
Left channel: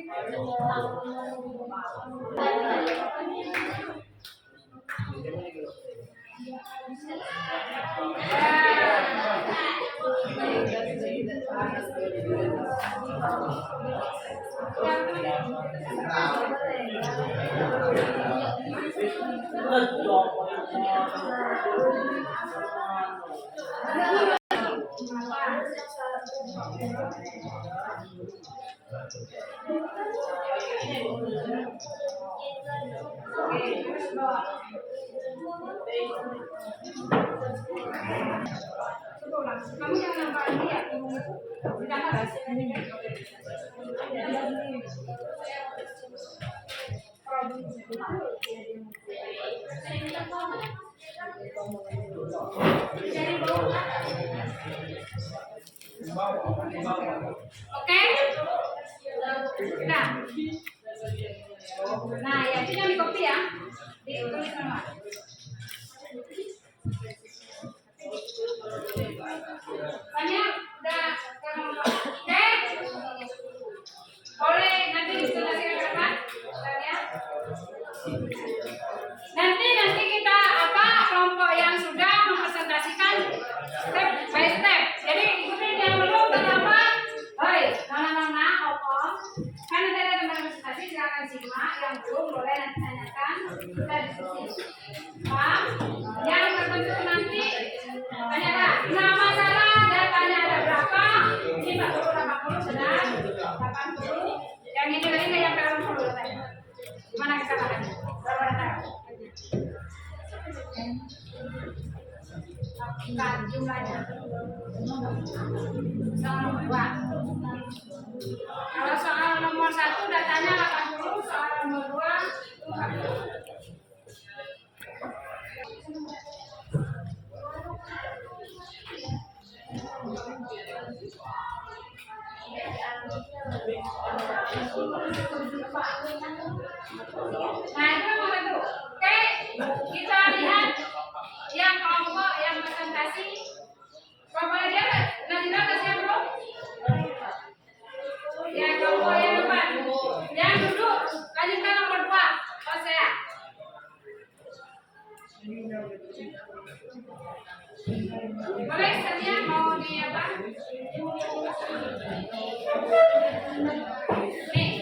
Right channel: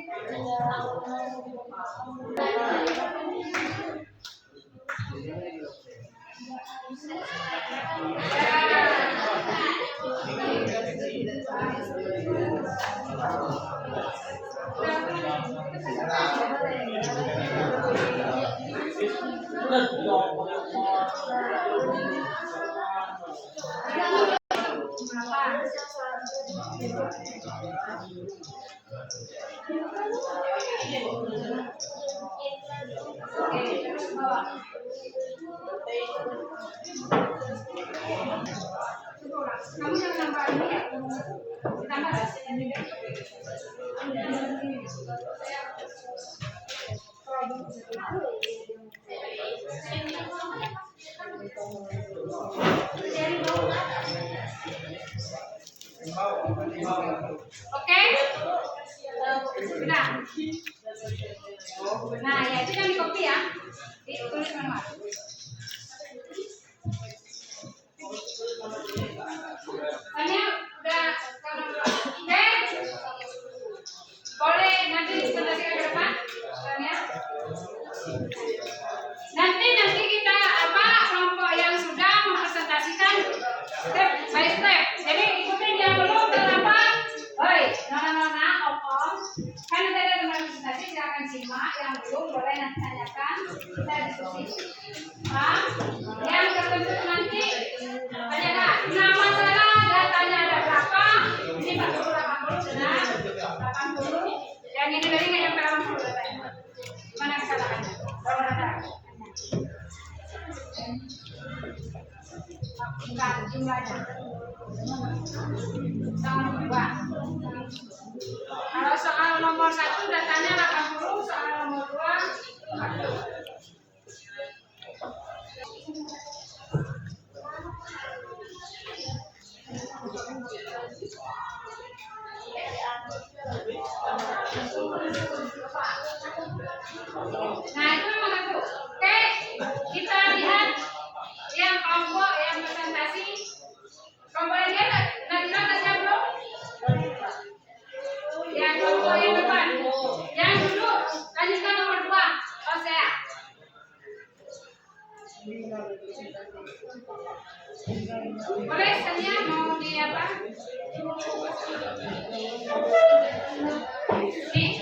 Kamu jangan nampak ini ya. Ditambah. Oke? Sudah. Nah, ya itu yang di copy ya. Ditulis semua. Tanya udah oke? Boleh nanti dipresentasikan ke depan? Tanya. Nanti kita kelompok yang sudah mempresentasikan step by step. Jadi ikutin yang belum pertama. Hoi, nona opom. Kan kita ada teman presentasi silakan simak. Yang belum boleh nanti tanyakan. Kita diskusi. Paham? Yang tertentu nanti tanyakan. Nama salah datanya ada berapa? Ini 40 80 benar. 80. Yang ini lagi yang 80 datanya. Gimana kesalahannya? Berapa data? Bukan jumlahnya sama 2. Kalau soal nomor 1 datanya 80, soal nomor 2 40. Boleh sedia mau di apa? Nih.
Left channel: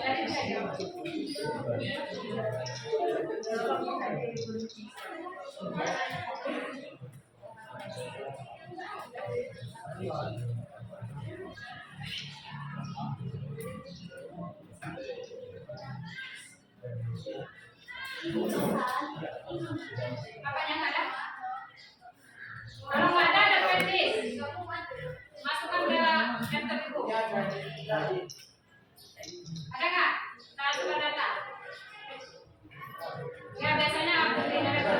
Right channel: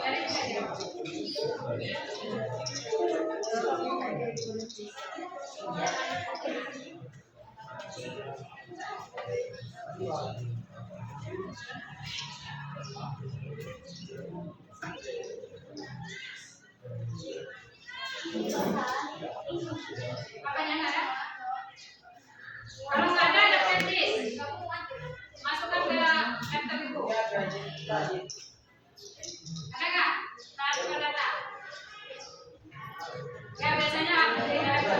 Jadi bisa jawab. Apanya nggak ada? Kalau nggak ada pensis. Masukkan ke daftar buku. Ada nggak? Transfer data. Ya biasanya aku tidak ada.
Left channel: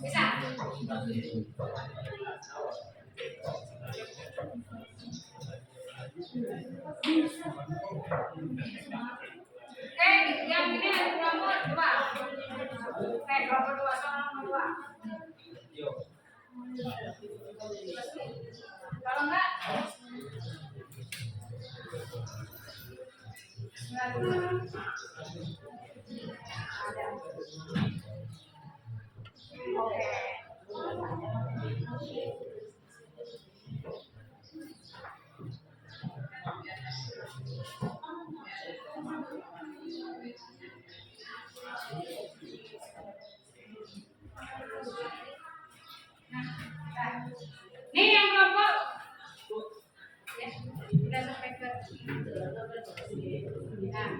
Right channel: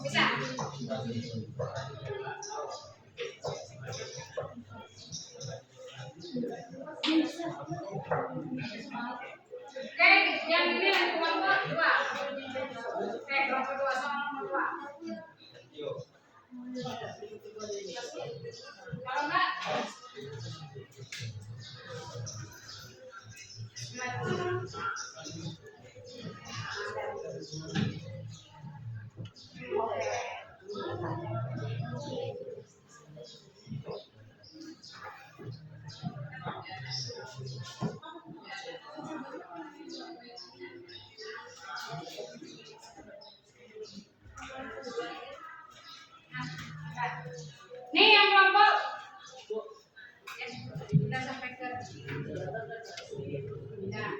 Bisa. Oke, yang ini ada kelompok 2. Kelompok 2 sama nomor 2. Kalau enggak, nih yang kelompok ya, sudah sampai ke nah,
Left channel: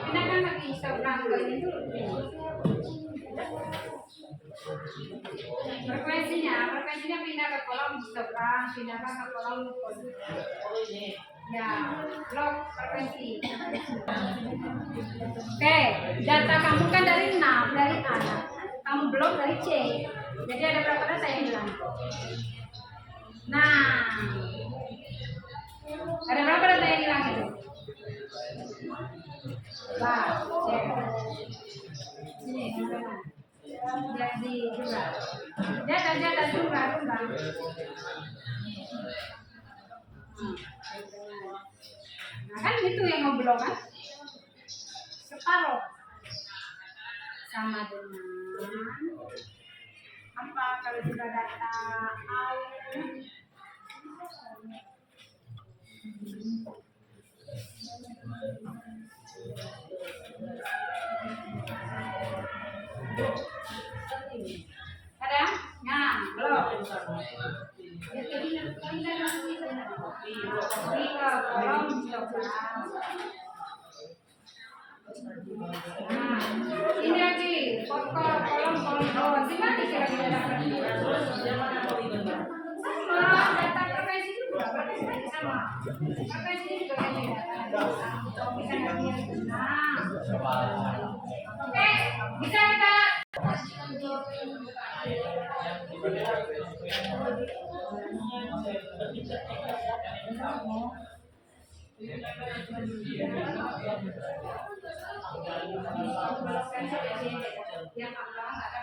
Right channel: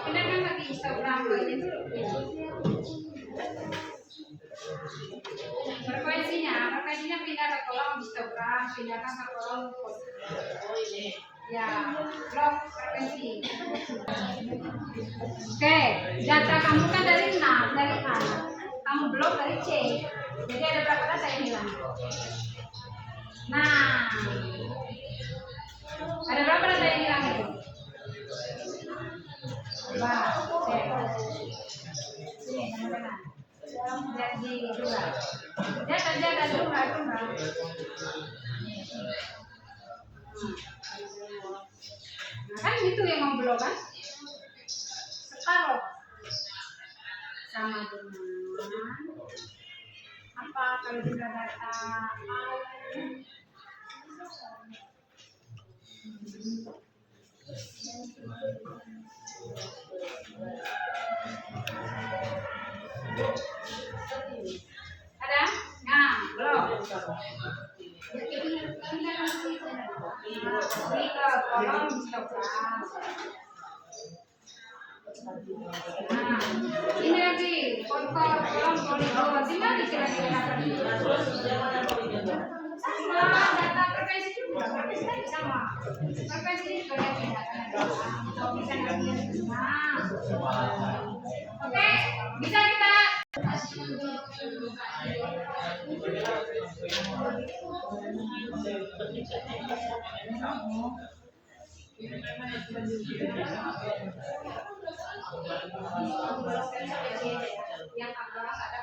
pindahkan lagi seberang ke ini dulu. Frekuensinya pindah ke kolom histogram, pindahkan ke kolom ya, blok frekuensi. Oke, data kamu kan dari 6, dari A. Kamu blok dari C. Jadi ada berapa data yang hilang? Nah, ada berapa data yang hilang itu? Bah, sini, mana? Lihat di juga. Data juga. Nah, kan gitu yang mau blok kan? Separuh sama dengan apa kalau sudah data ada? Nah, belum. Ini ke kolom histogram. Nah, ini lagi kolom poligon. Gimana kira-kira dapat? Sama data frekuensi juga, frekuensi sama. Frekuensi juga beda. Bisa ngambil. Nah, oke, bisa kita. Yang agak ada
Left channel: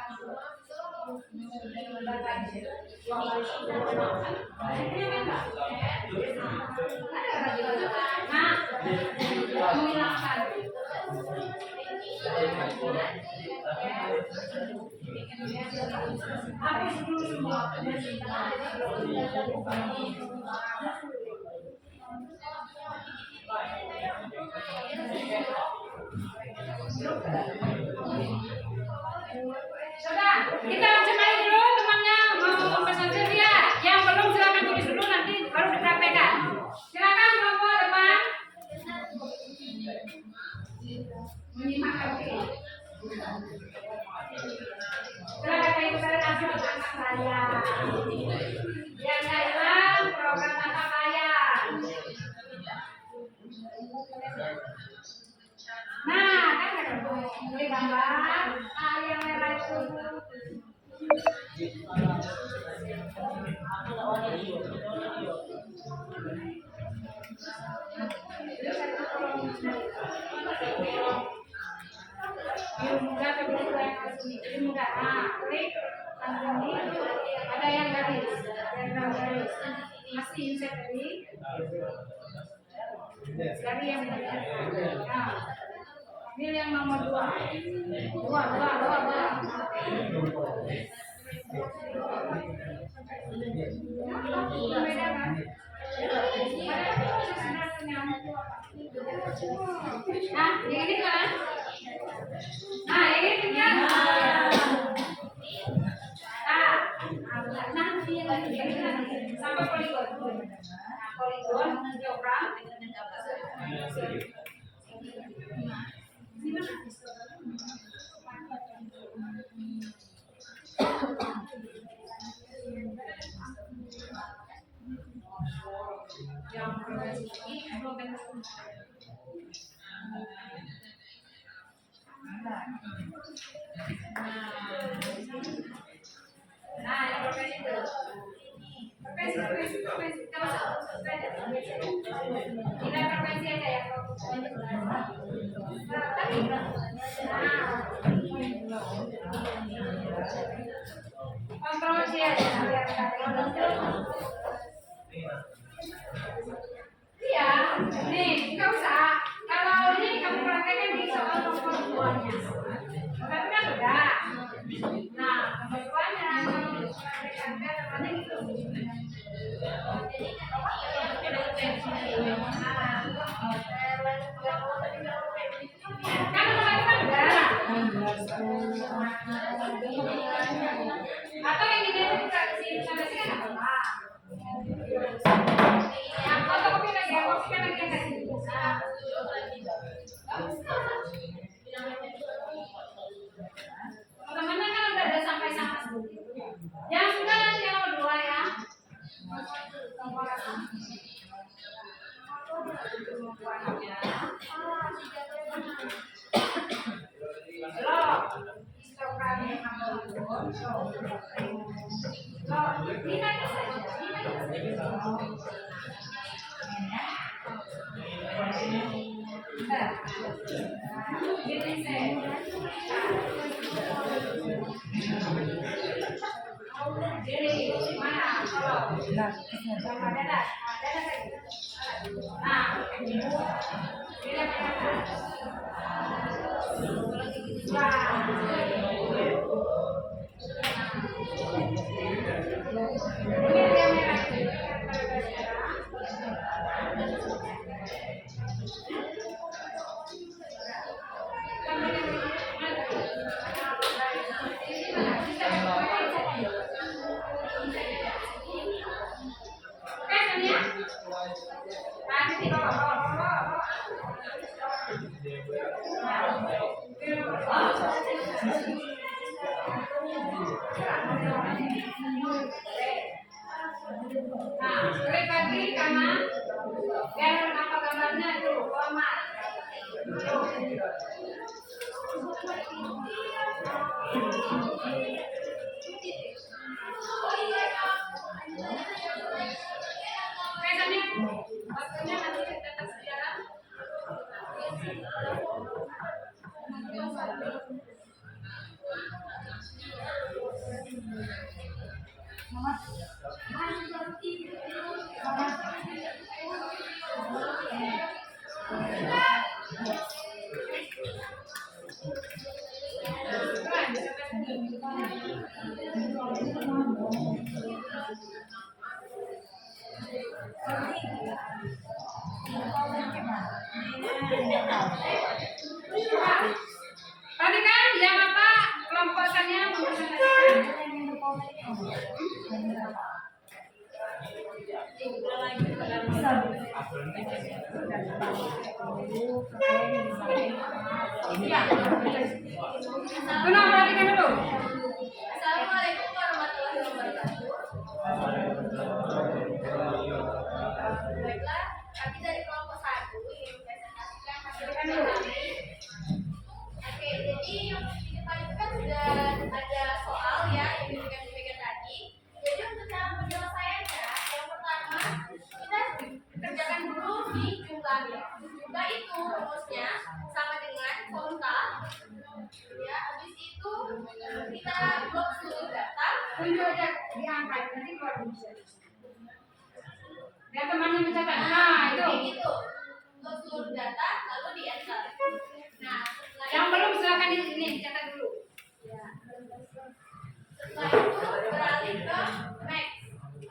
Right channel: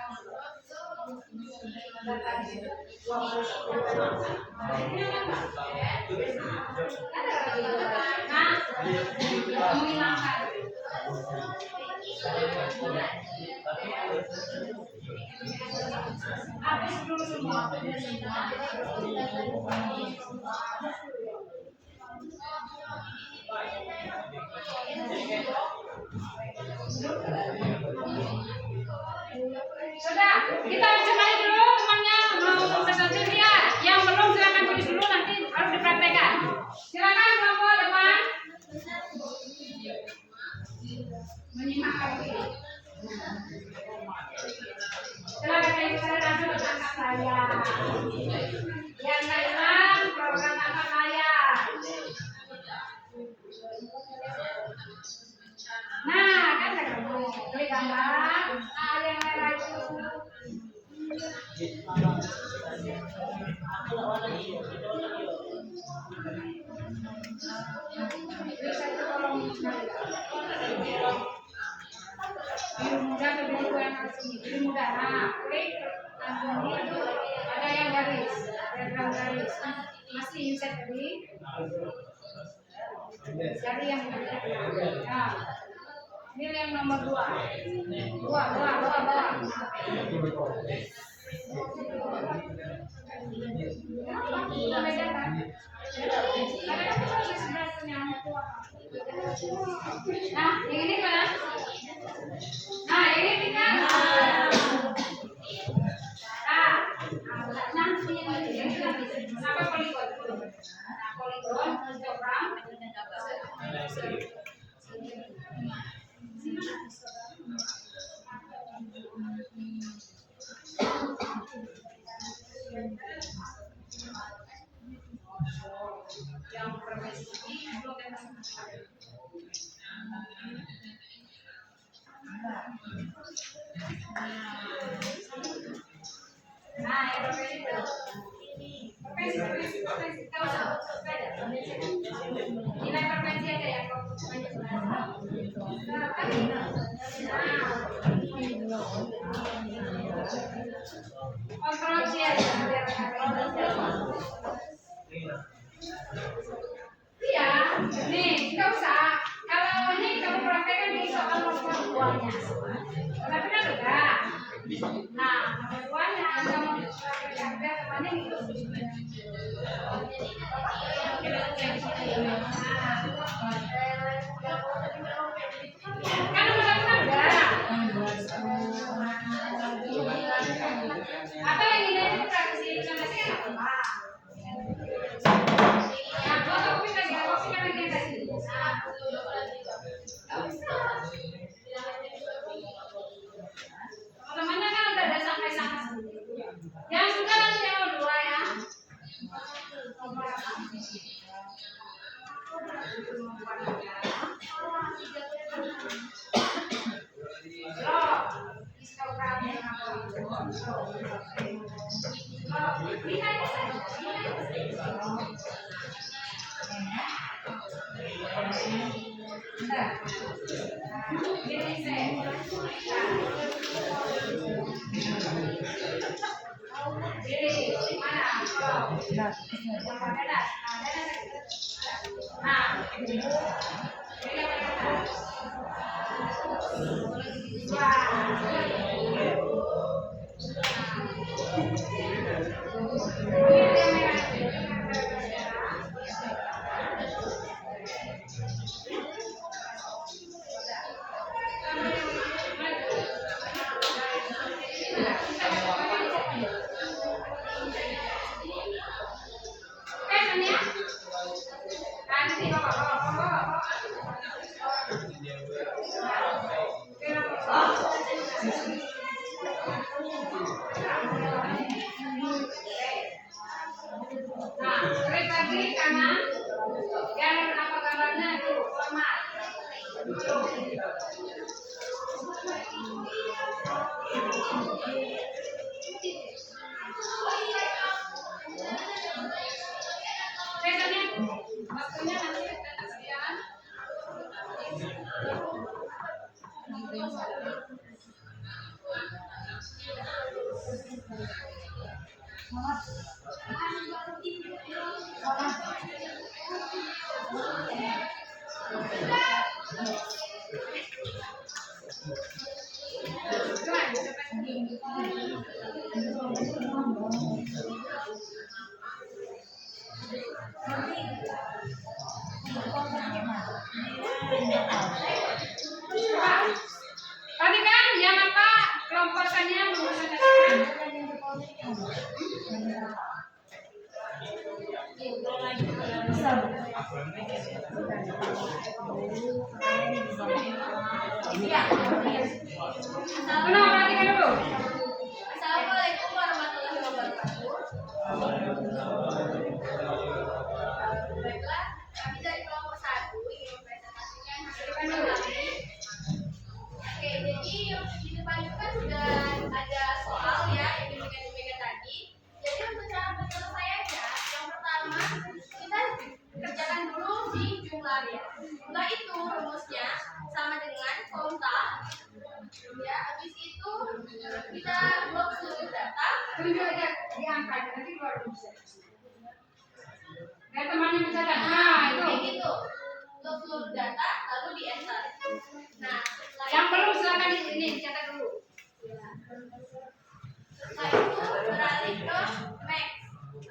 menghilangkan. Habis dulu semua. Sudah, kita lanjut lagi dulu temannya mau konversasi dia. Yang belum silakan tulis dulu nanti baru dipraktekkan. Silakan kelompok depan. Menyimak kami. Silakan ibu saya langsung tangkap layar. Yang lain program tangkap layar. gambar. Yang merah itu. Biru muda atau biru tua yang harus ini? Biru muda. Nah, klik langsung ini. Ada yang garis, diagram garis. Masih insert tadi. Cari yang ini. Nah, ini yang nomor 2. Dua. Beda kan? Nah, yang ini kan? Nah, ini kita. Nanti yang ini sampai poligon. Nah, poligon diagram. Yang frekuensi ini belum tentu. Nah, yang frekuensi itu. Frekuensi. Kalau sepeda, nilai frekuensi aja ya. Tadi. Kontrol C aja. Iya, nih nggak usah. Kalau ini kamu praktekkan di soal nomor 2-nya. Tapi kan udah. Nah, nomor 2-nya kalau praktekkan depannya gitu. Kan nomor 1 kan udah. Atau yang ini praksi presentasi kan apa? Yang fotokopi lagi yang kasih. Teman-temannya kan udah ada sampai sana. Yang sudah nanti yang nomor 2 ya. Klik lagi kanan, dan apa gambarnya itu format. Waktunya nanti kita sekian. Tadi kan yang apa kelompokannya mempresentasikan. Kenapa perhatikan dulu? Assalamualaikum warahmatullahi wabarakatuh. Baiklah, kami dari kelompok 1 ingin mempresentasikan hasil kami. Oke, jadi yang pelan ya. Setelah itu rumusnya sama dengan kontak. Ya, habis itu kita blok seluruh data. Tunjuk aja di angka itu, nanti keluar bisa. Biar temannya mencatat. Nah, itu. Kayak gitu. Blok seluruh data lalu di enter. Nah, setelah Yang belum silakan ini dicatat dulu. ya. Setelah itu beralih ke max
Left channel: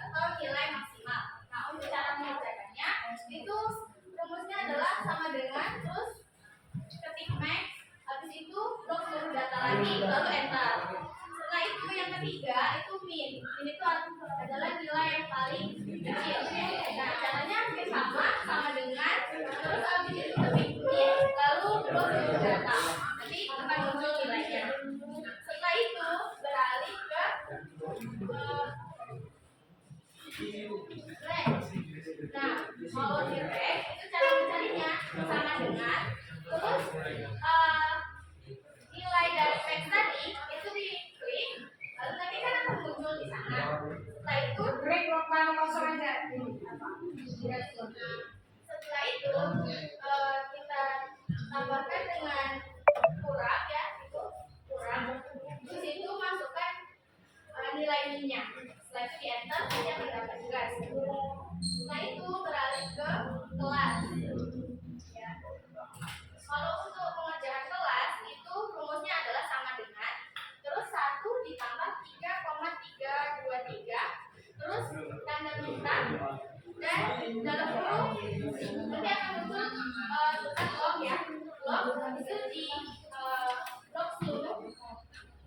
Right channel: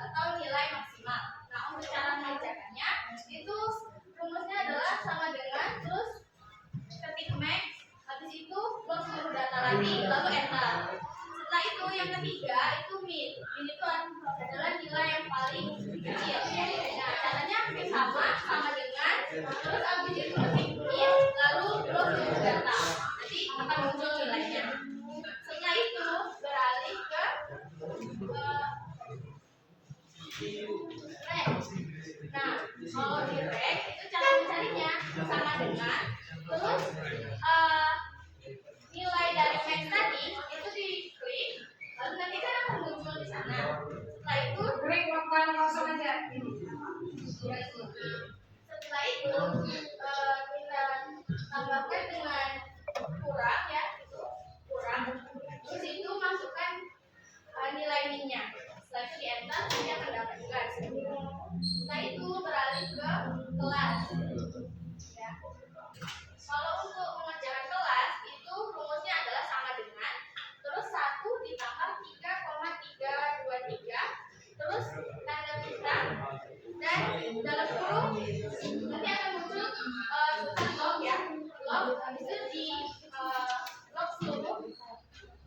atau nilai maksimal. Nah, untuk cara mengerjakannya itu rumusnya adalah sama dengan terus ketik max, habis itu blok seluruh data lagi lalu enter. Setelah itu yang ketiga itu min. Min itu adalah nilai yang paling kecil. Nah, caranya hampir sama dengan terus habis itu ketik min lalu blok seluruh data. Nanti akan muncul nilainya. Setelah itu beralih ke range. Nah, kalau di range itu cara mencarinya sama dengan terus nilai dari max tadi itu diklik lalu nanti kan akan muncul di sana. Setelah itu Break lokal kosong aja. setelah itu kita tambahkan dengan kurang ya, itu kurang. Di situ masukkan nilai minnya. Setelah itu di enter nanti akan dapat juga hasilnya. Setelah itu beralih ke kelas. Ya. Kalau untuk mengerjakan kelas itu rumusnya adalah sama dengan terus 1 ditambah 3,323 terus tanda bintang dan dalam kurung nanti akan muncul tulisan log ya. Log itu di log seluruh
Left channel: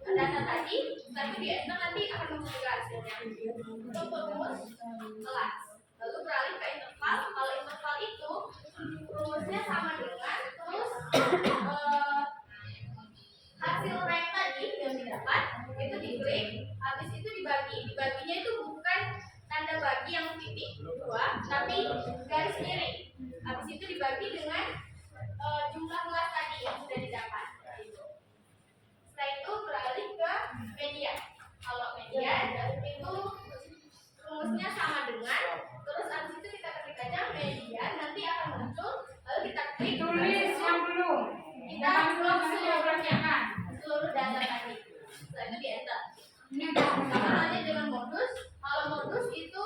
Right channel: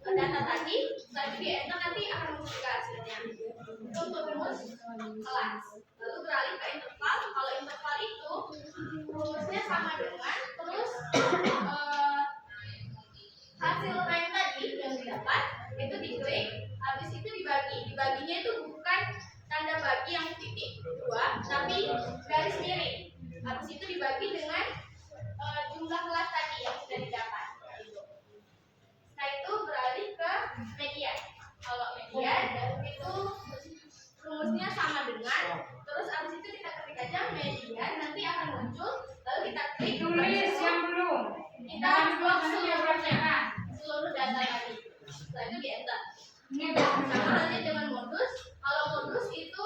data tadi, setelah itu di enter nanti akan muncul juga hasilnya. Untuk rumus kelas. Lalu beralih ke interval. Kalau interval itu rumusnya sama dengan terus hasil rank tadi yang didapat itu diklik, habis itu dibagi. Dibaginya itu bukan tanda bagi yang titik 2, tapi garis miring. Habis itu dibagi dengan jumlah kelas tadi yang sudah didapat. Setelah itu beralih ke median. Kalau median itu rumusnya sama dengan terus habis itu kita ketik aja median, nanti akan muncul lalu kita klik Tulis yang belum. kita blok seluruh data tadi. Setelah itu di enter. Ini ada Sama halnya dengan modus. Kalau modus itu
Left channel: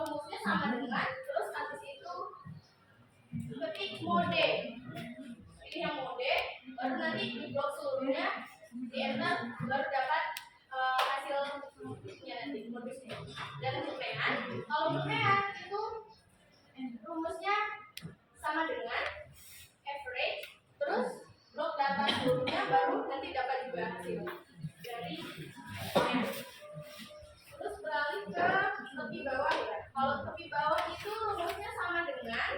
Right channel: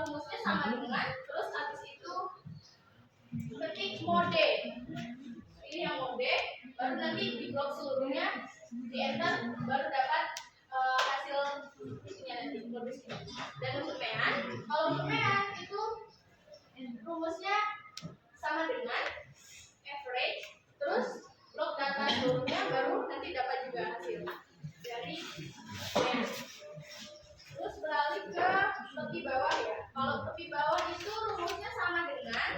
rumusnya sama dengan terus habis itu ketik mode. Pilih yang mode, baru nanti di blok seluruhnya di enter, baru dapat hasilnya nanti modusnya. Dan untuk pean, kalau untuk pean itu rumusnya sama dengan average, terus blok data seluruhnya baru nanti dapat juga hasil dari pean. Terus beralih ke tepi bawah ya. Kalau tepi bawah itu rumusnya sama dengan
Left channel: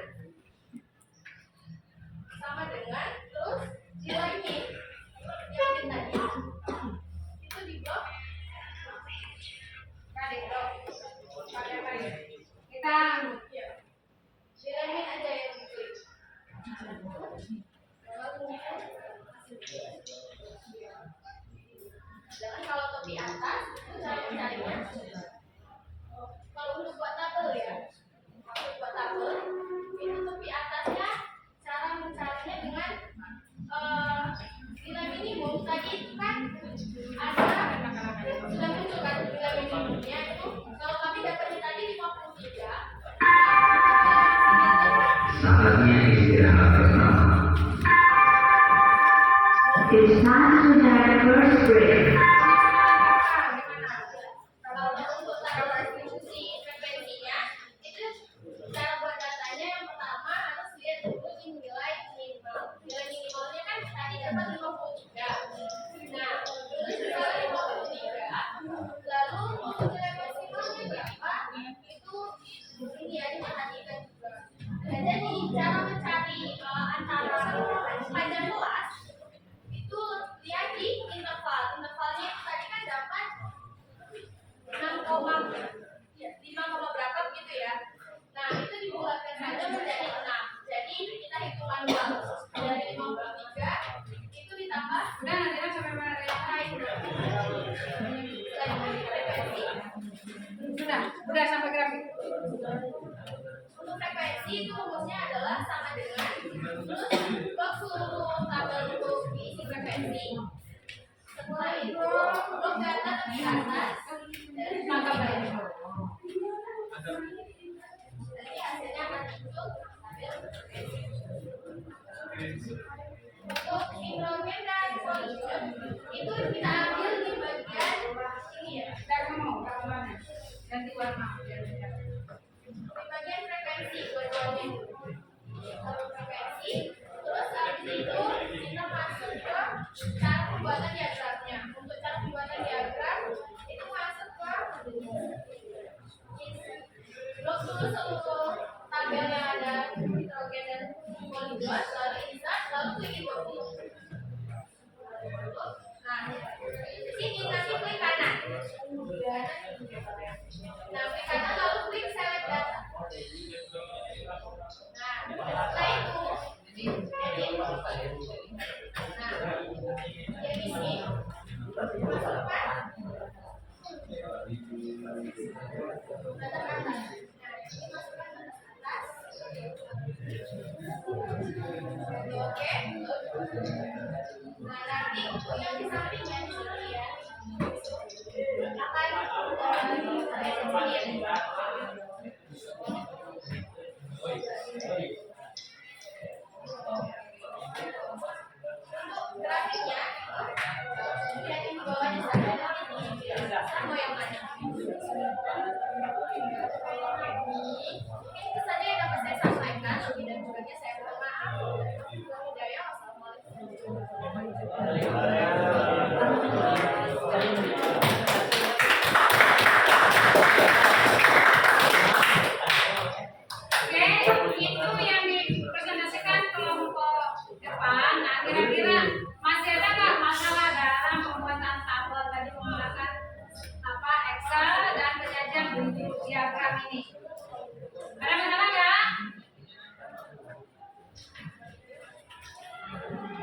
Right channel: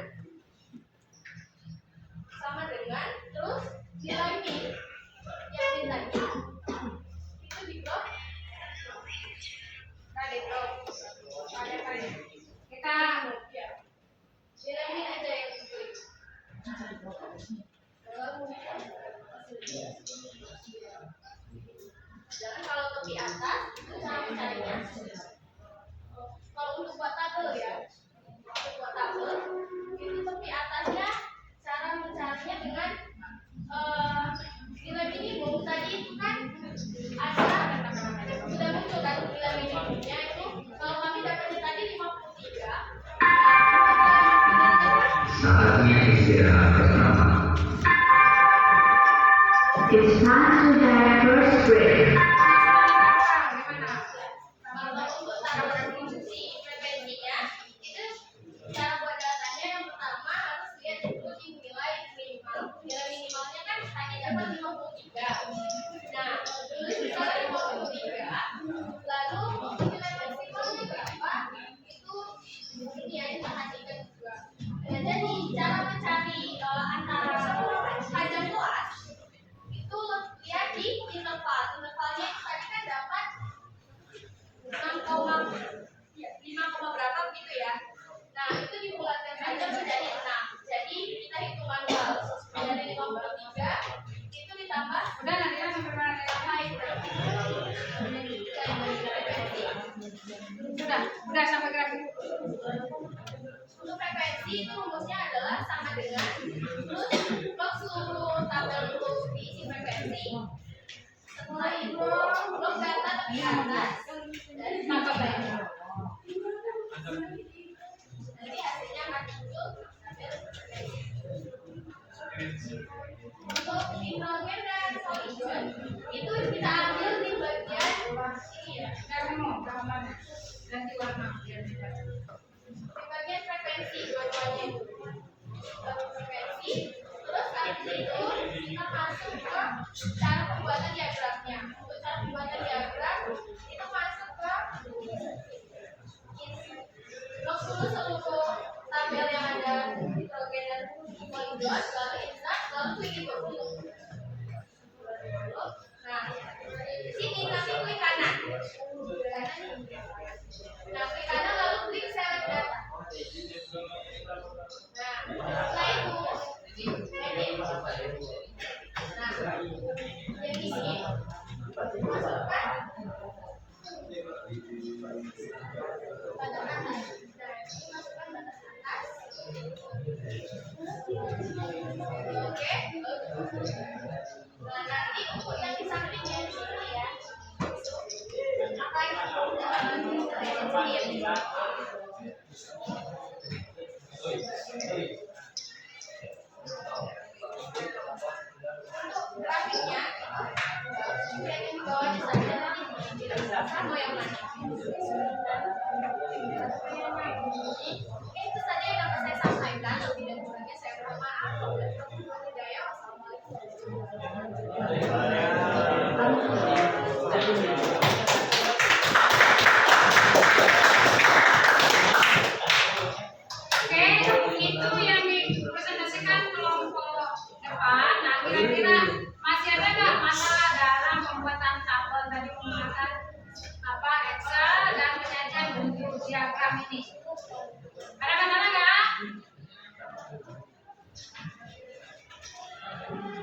terus nilai min yang min tadi itu di blok kali blok. Ada kali. Kita ya. Nilai min aja yang diklik. Dan kalau tepi atas itu cara mencarinya. Kalau untuk buat tabel ya, untuk buat tabel itu tepi atasnya cara mencarinya dengan nilai minimum tadi itu kan ada sudah muncul kan nilai minimumnya itu kalau kami dapatnya tadi 53. Saatnya istirahat bersama. It's time to have first break. Kalau untuk cara distribusi frekuensinya itu cara buat datanya yang pertama harus lihat dulu di nilai minimal. Nilai minimalnya kan tadi dapat 53. Nah, tulis nilai 53. Lalu nilai maksimalnya berapa? Itu ini ya diperhatikan juga. Nah, jadi cara mencari antara panjang kelas itu lihat di interval. Intervalnya itu tadi kan dapat 5, berapa begitu ya. Nah, itu dibulatkan saja menjadi 6. Jadi kita hitung manual. Dari 53 itu ditambah udah nanti kan sampai mana tadi? frekuensi. Sudah sampai grafik. Untuk frekuensi frekuensi itu rumusnya adalah sama dengan terus blok seluruh tabel untuk diisi frekuensi. Setelah itu blok data tepi atas dan maka banyak. Nanti hasilnya akan muncul tabel frekuensi. Untuk nitrogen dan pollution itu kita ambil di bagian ini ya. Kamu mana? Ganti warna biar beda. Di bagian frekuensi dua-duanya frekuensi. Terus habis itu kita masuk ke cara pembuatan diagramnya. Untuk cara pembuatan diagram itu masuk ke blok dulu seluruh tabel yang ada nitrogen dan poligon, lalu insert, lalu klik import dulu. Nah, di sini nanti klik kanan. Nah, klik kanan lalu klik select data. Nah, setelah itu edit. Nah, jadi sini masukkan batas atas. Nah, ini masukkan batas atas. Oke. Nah, nanti untuk yang di sampingnya di sini ya, akan sendiri. Untuk grafiknya yang di bawahnya saja nanti mau yang mana? Mungkin itu saja yang dapat saya sampaikan. Lebih dan kurangnya saya mohon maaf. Oke, itu yang dipresentasikan kelompok depan. Nah, kira-kira masih ada nggak masalah dalam pembuatan tabel tadi menggunakan apa Excel dan penyajian bentuk diagram ini? Ada masalah nggak?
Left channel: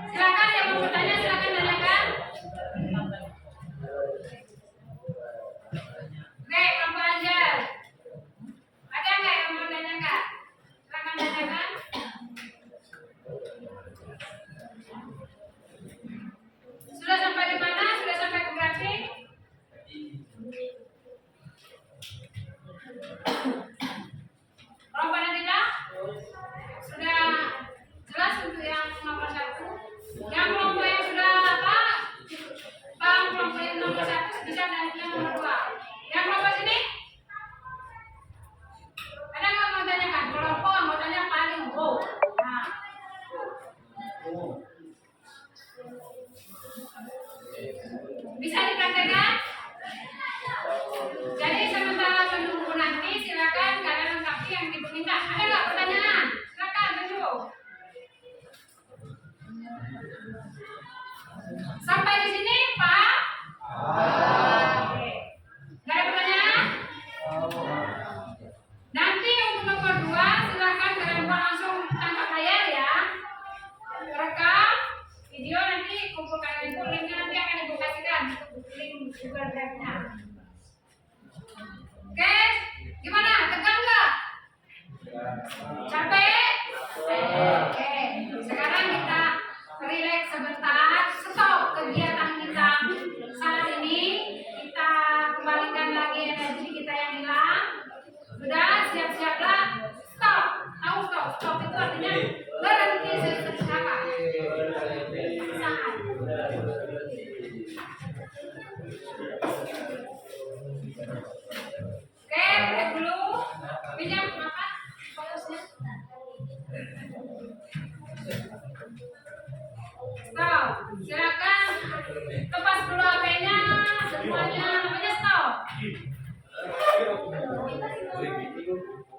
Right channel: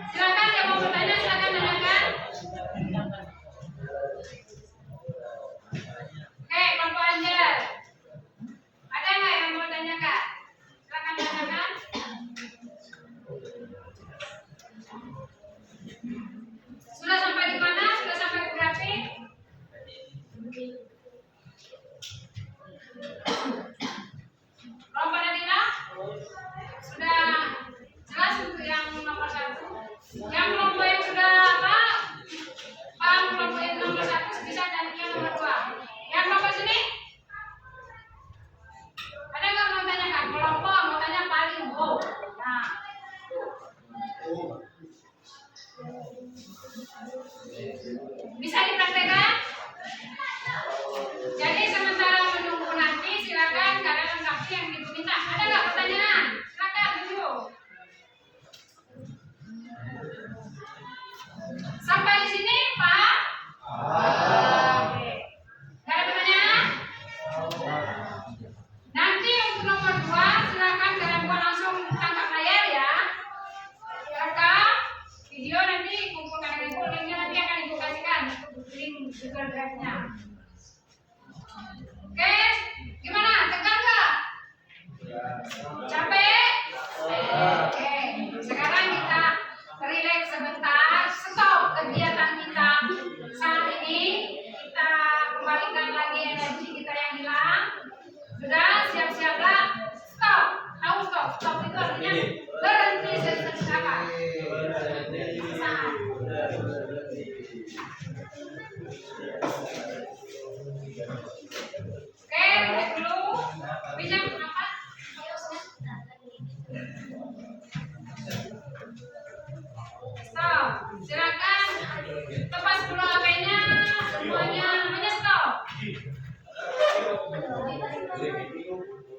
Silakan yang mau bertanya, silakan tanyakan. Oke, kelompok Anjel. Ada nggak yang mau tanyakan? Silakan tanyakan. Sudah sampai di mana? Sudah sampai ke grafik? Kelompok Nadila? Sudah jelas untuk yang nomor 1? Yang kelompok yang sudah apa? Paham kelompok yang nomor 1 bisa dan yang nomor 2. Yang kelompok sini? Ada nggak mau tanyakan? Kelompok anggotanya paling wow. Nah. Bisa dipraktekkan? Jadi sementara menunggu nanti silakan kalian lengkapi yang ibu minta. Ada nggak pertanyaan? Silakan dulu. Sampai di sini, Pak? Oke. Nggak ada pertanyaan? Nanti untuk nomor 2 silakan kalian langsung tangkap layar ya. Rekam video nanti kumpulkan dengan ibu, linknya nanti akan ibu kasihkan link Google Drive-nya. Oke, gimana? Tegang nggak? Capek? Oke, sekarang kita relax sebentar, stop kegiatan kita saat ini. Kita kembalikan lagi energi kita yang hilang. Sudah siap-siaplah. Stop. Tahu stop? Stop itu artinya berhenti sejenak. Saat. Oke, lihat dulu. Pinjam apa? Fokusnya. Stop. Silakan lepas dulu HP-nya. Semuanya namanya stop.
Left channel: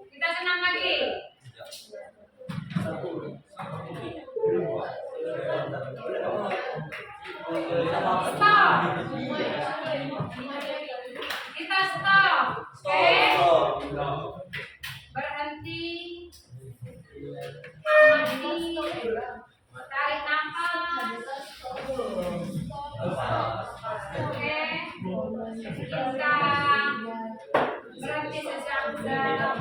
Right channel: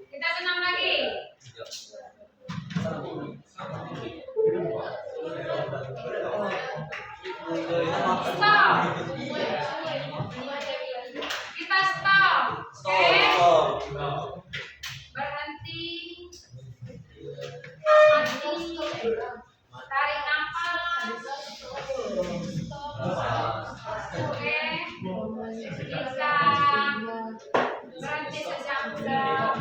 Kita senang lagi. Stop. Kita stop. Oke. Berhenti. Mati. Tarik nafas. Oke. Kita berhenti sejenak.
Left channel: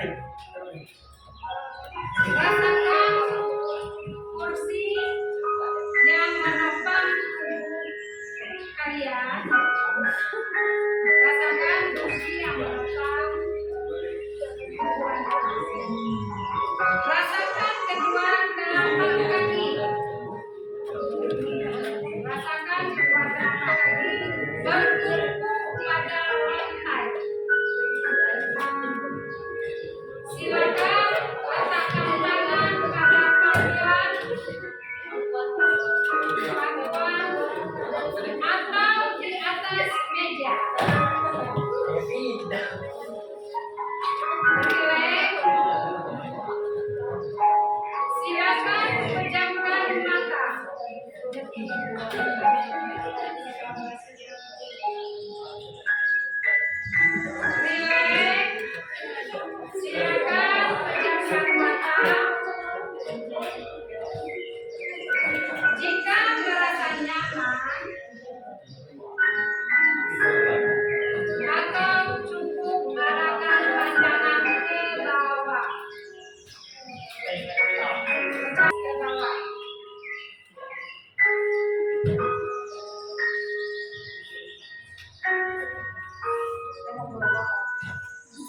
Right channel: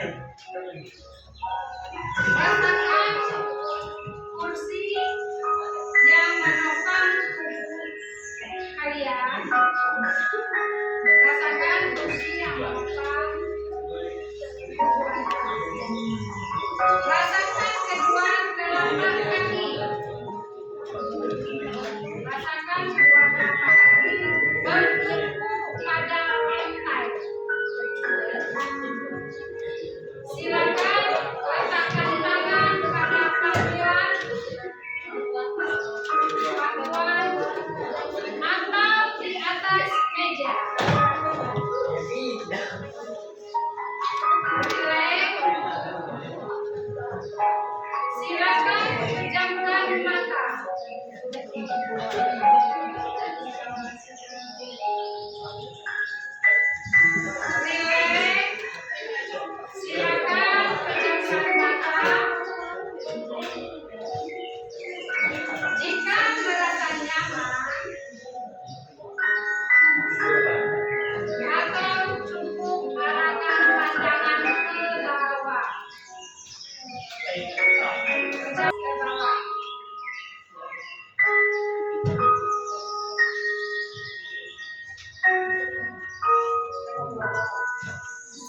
Rasakan kursi yang menopang tubuh kalian. Rasakan kursi yang menopang tubuh kalian. Rasakan kedua telapak kaki. Rasakan kedua telapak kaki bertumpu pada lantai. Silakan letakkan tangan pada pangkuan atau di atas meja. Relax. Silakan pejamkan mata. Relax. Silakan pejamkan mata. Jika merasa nyaman atau cukup arahkan pandangan ke bawah. Ke bawah.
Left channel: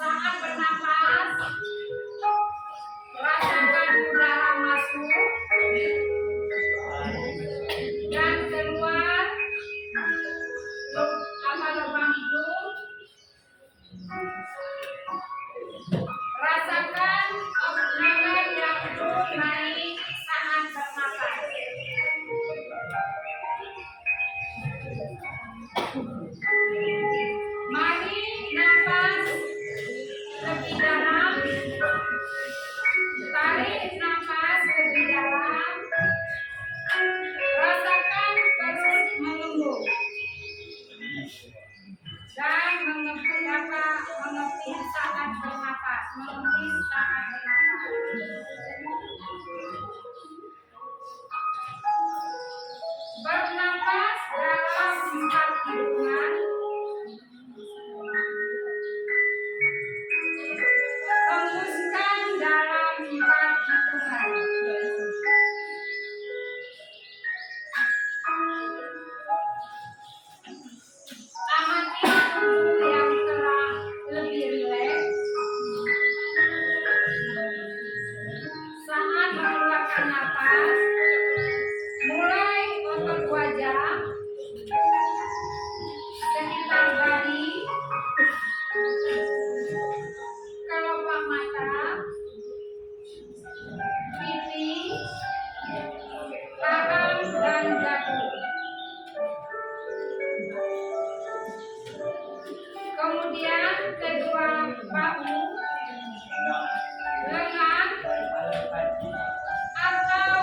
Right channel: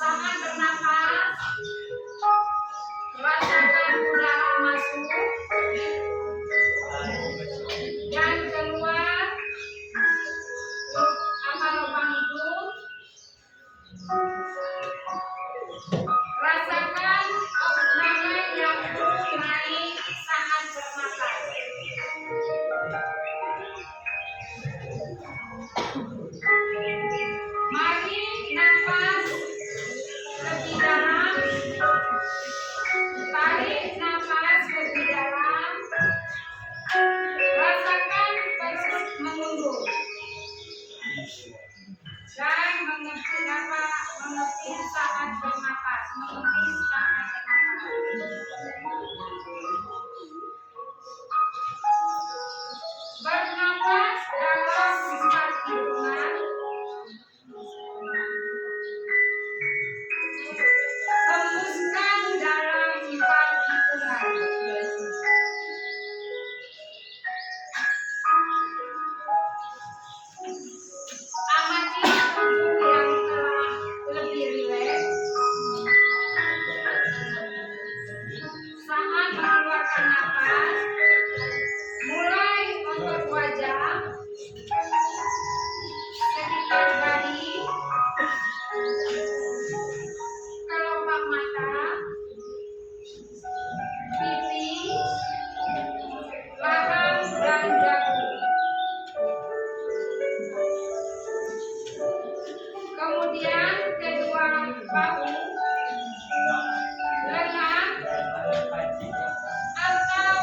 Saat bernapas, rasakan udara masuk dan keluar lubang hidung. Rasakan oksigen yang terus naik saat bernapas. Mari nafas lebih dalam. Tarik nafas lebih dalam. Rasakan proses mengundur dan mengetik saat bernapas. Mengetik saat bernapas. Bernapas dalam 4 hitungan. Hembuskan dalam 4 hitungan. Amati tubuh yang telah lebih rileks. Saat mengeluarkan napas, mulai otot wajah, sekitar dahi, kelopak mata, pipi, rahang, dan dagu. Kemudian kedua bahu, lengan, atau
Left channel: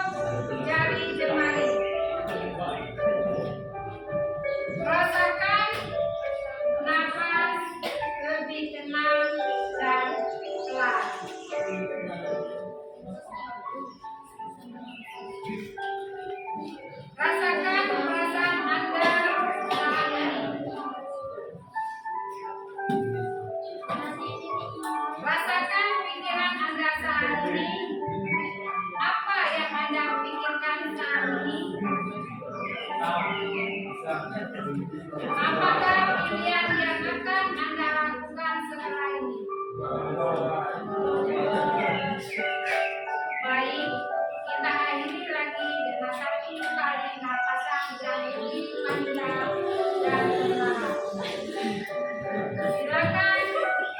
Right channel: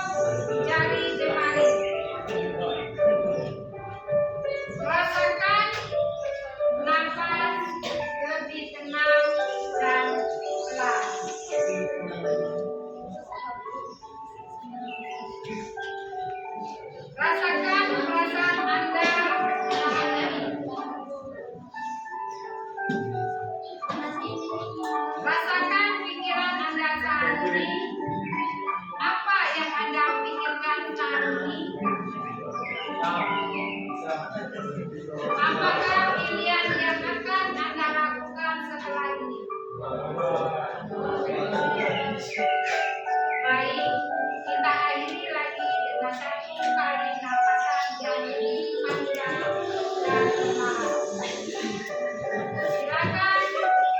jari jemari. Rasakan nafas lebih tenang dan pelan. Rasakan perasaan Anda saat ini. Rasakan pikiran Anda saat ini. Apa yang Anda pikirkan saat ini? Apakah pilihan yang akan Anda lakukan setelah ini? Baik, kita akhiri lagi dengan 1 kali napasan yang lebih panjang dan pelan. Silakan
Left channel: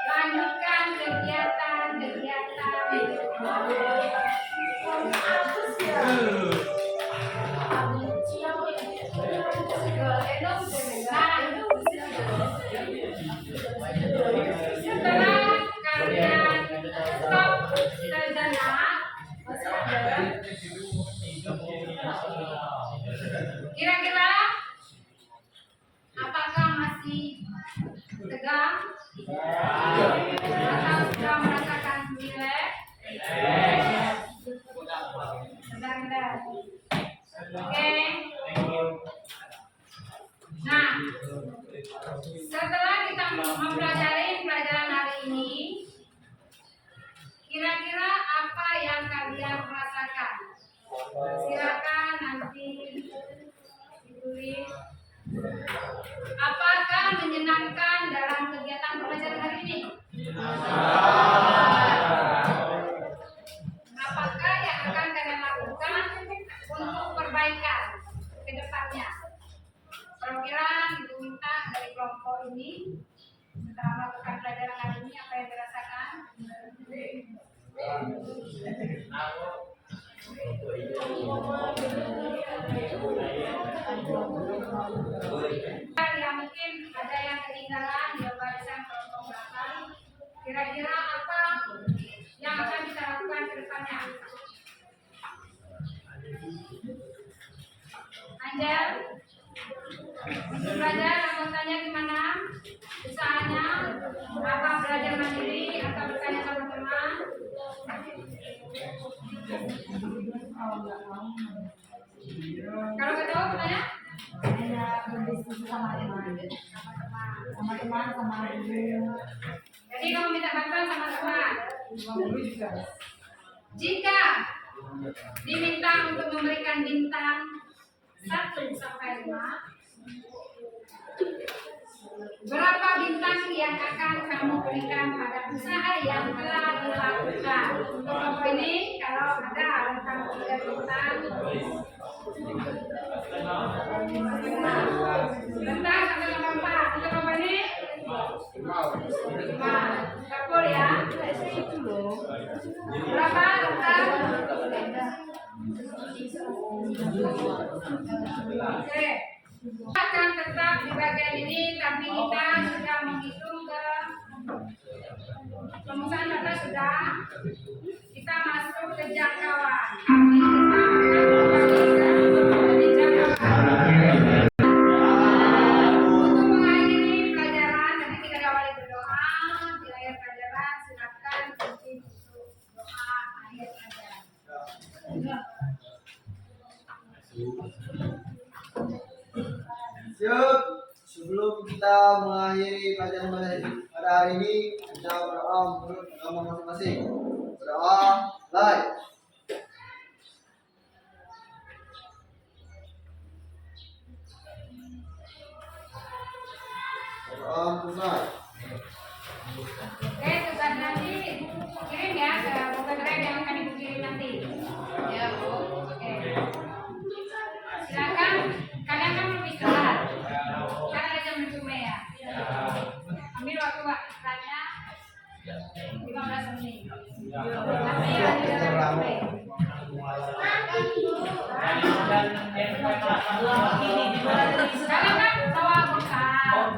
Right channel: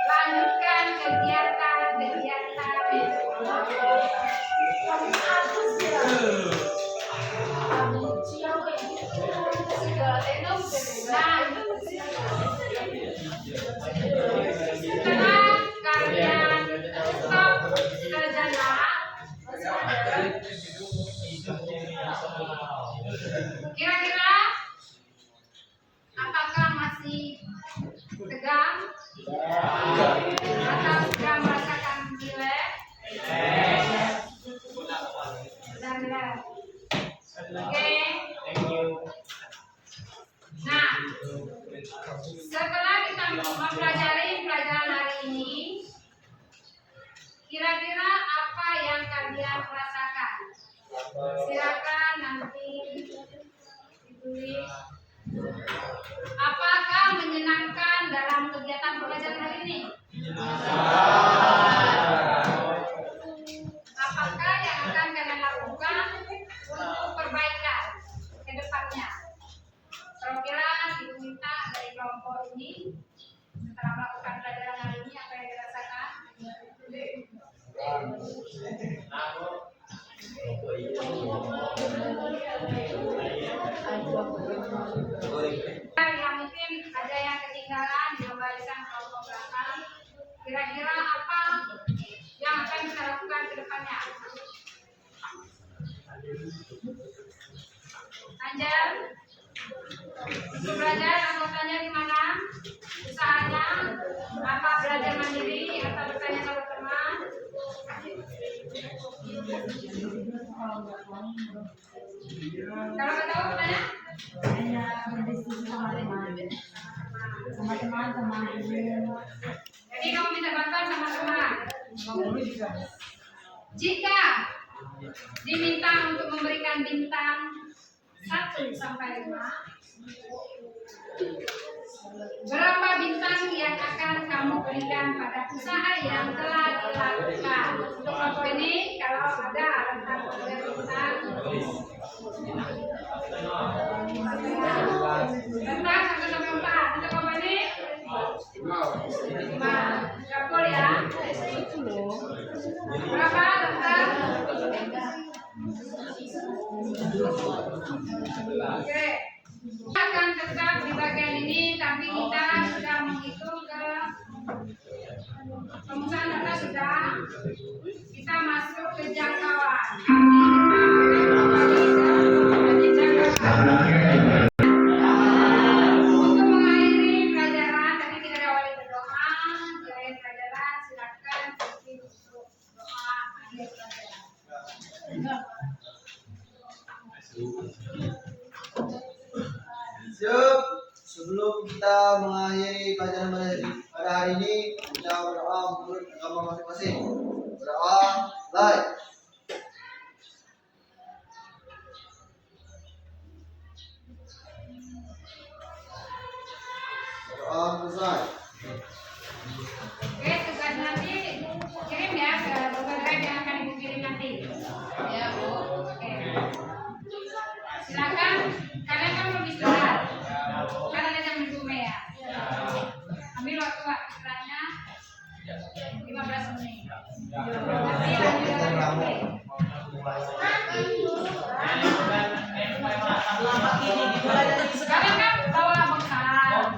lanjutkan kegiatan-kegiatan. Setelah kalian stop sejenak, kira-kira apakah masih tegang atau sudah merasakan rileks? Sudah rileks. Oke. Nah, setelah kita mempelajari pelajaran hari ini, Yang mungkin ada yang ketinggalan di warisan kelompok belakang, kira-kira apa yang akan kita lakukan ke depannya? Anjel, untuk belajar anggotanya gimana? Usahanya apa, belajar mandiri atau bertanya sama teman? Kalau nggak tahu bertanya? Berdiskusi sama teman, sama guru. Jadi kamu minta bantuan sama teman. Jika diminta untuk memberikan bintang 1 sampai 5, berapa bintang yang akan kamu berikan pada usaha yang telah dilakukan? Untuk kelompok ini, kalau ada rentang 3 bintang, rentang 1 sampai 4. Untuk kelompok ini 5. Dapur ya. Berapa rentang? Oke. Akan tetap di bagian ini, tapi kita sudah menghitung ke pemecahan data sudah. Kita masuk ke jangkauan. Untuk mengakhiri pelajaran, tadi kita diawali berdoa. Di akhir pelajaran silakan ikuti untuk doa akhir pelajaran. Siap. Sebelum kita mengakhiri pelajaran pada hari ini, kita berdoa menurut agama masing-masing. Berdoa, baik. Berdoa selesai. Oke, tugas nanti kirim ya ke Google Drive yang akan ibu kirim nanti. Ya Bu. Oke. Silakan, kalian kan mau istirahat. Kan ada jam 7 ya. Ambil waktu istirahatnya 15 menit. Nanti lanjut dengan break. Kalian kan bawa bekal.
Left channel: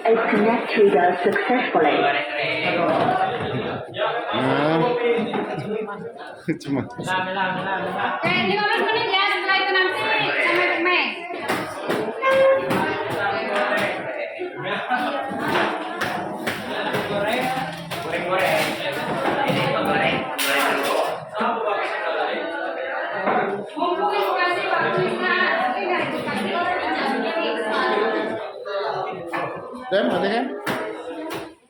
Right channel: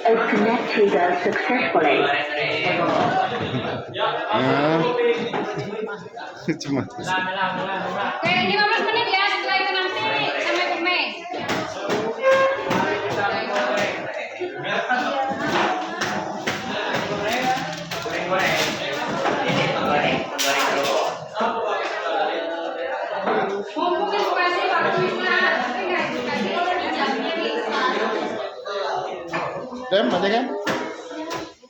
Is connected successfully. Cuma. Oke, 15 menit ya, setelah itu nanti sampai bermain. Mumpung edukasi waktu istirahat, tapi nggak edukasi. Dem, ada kan?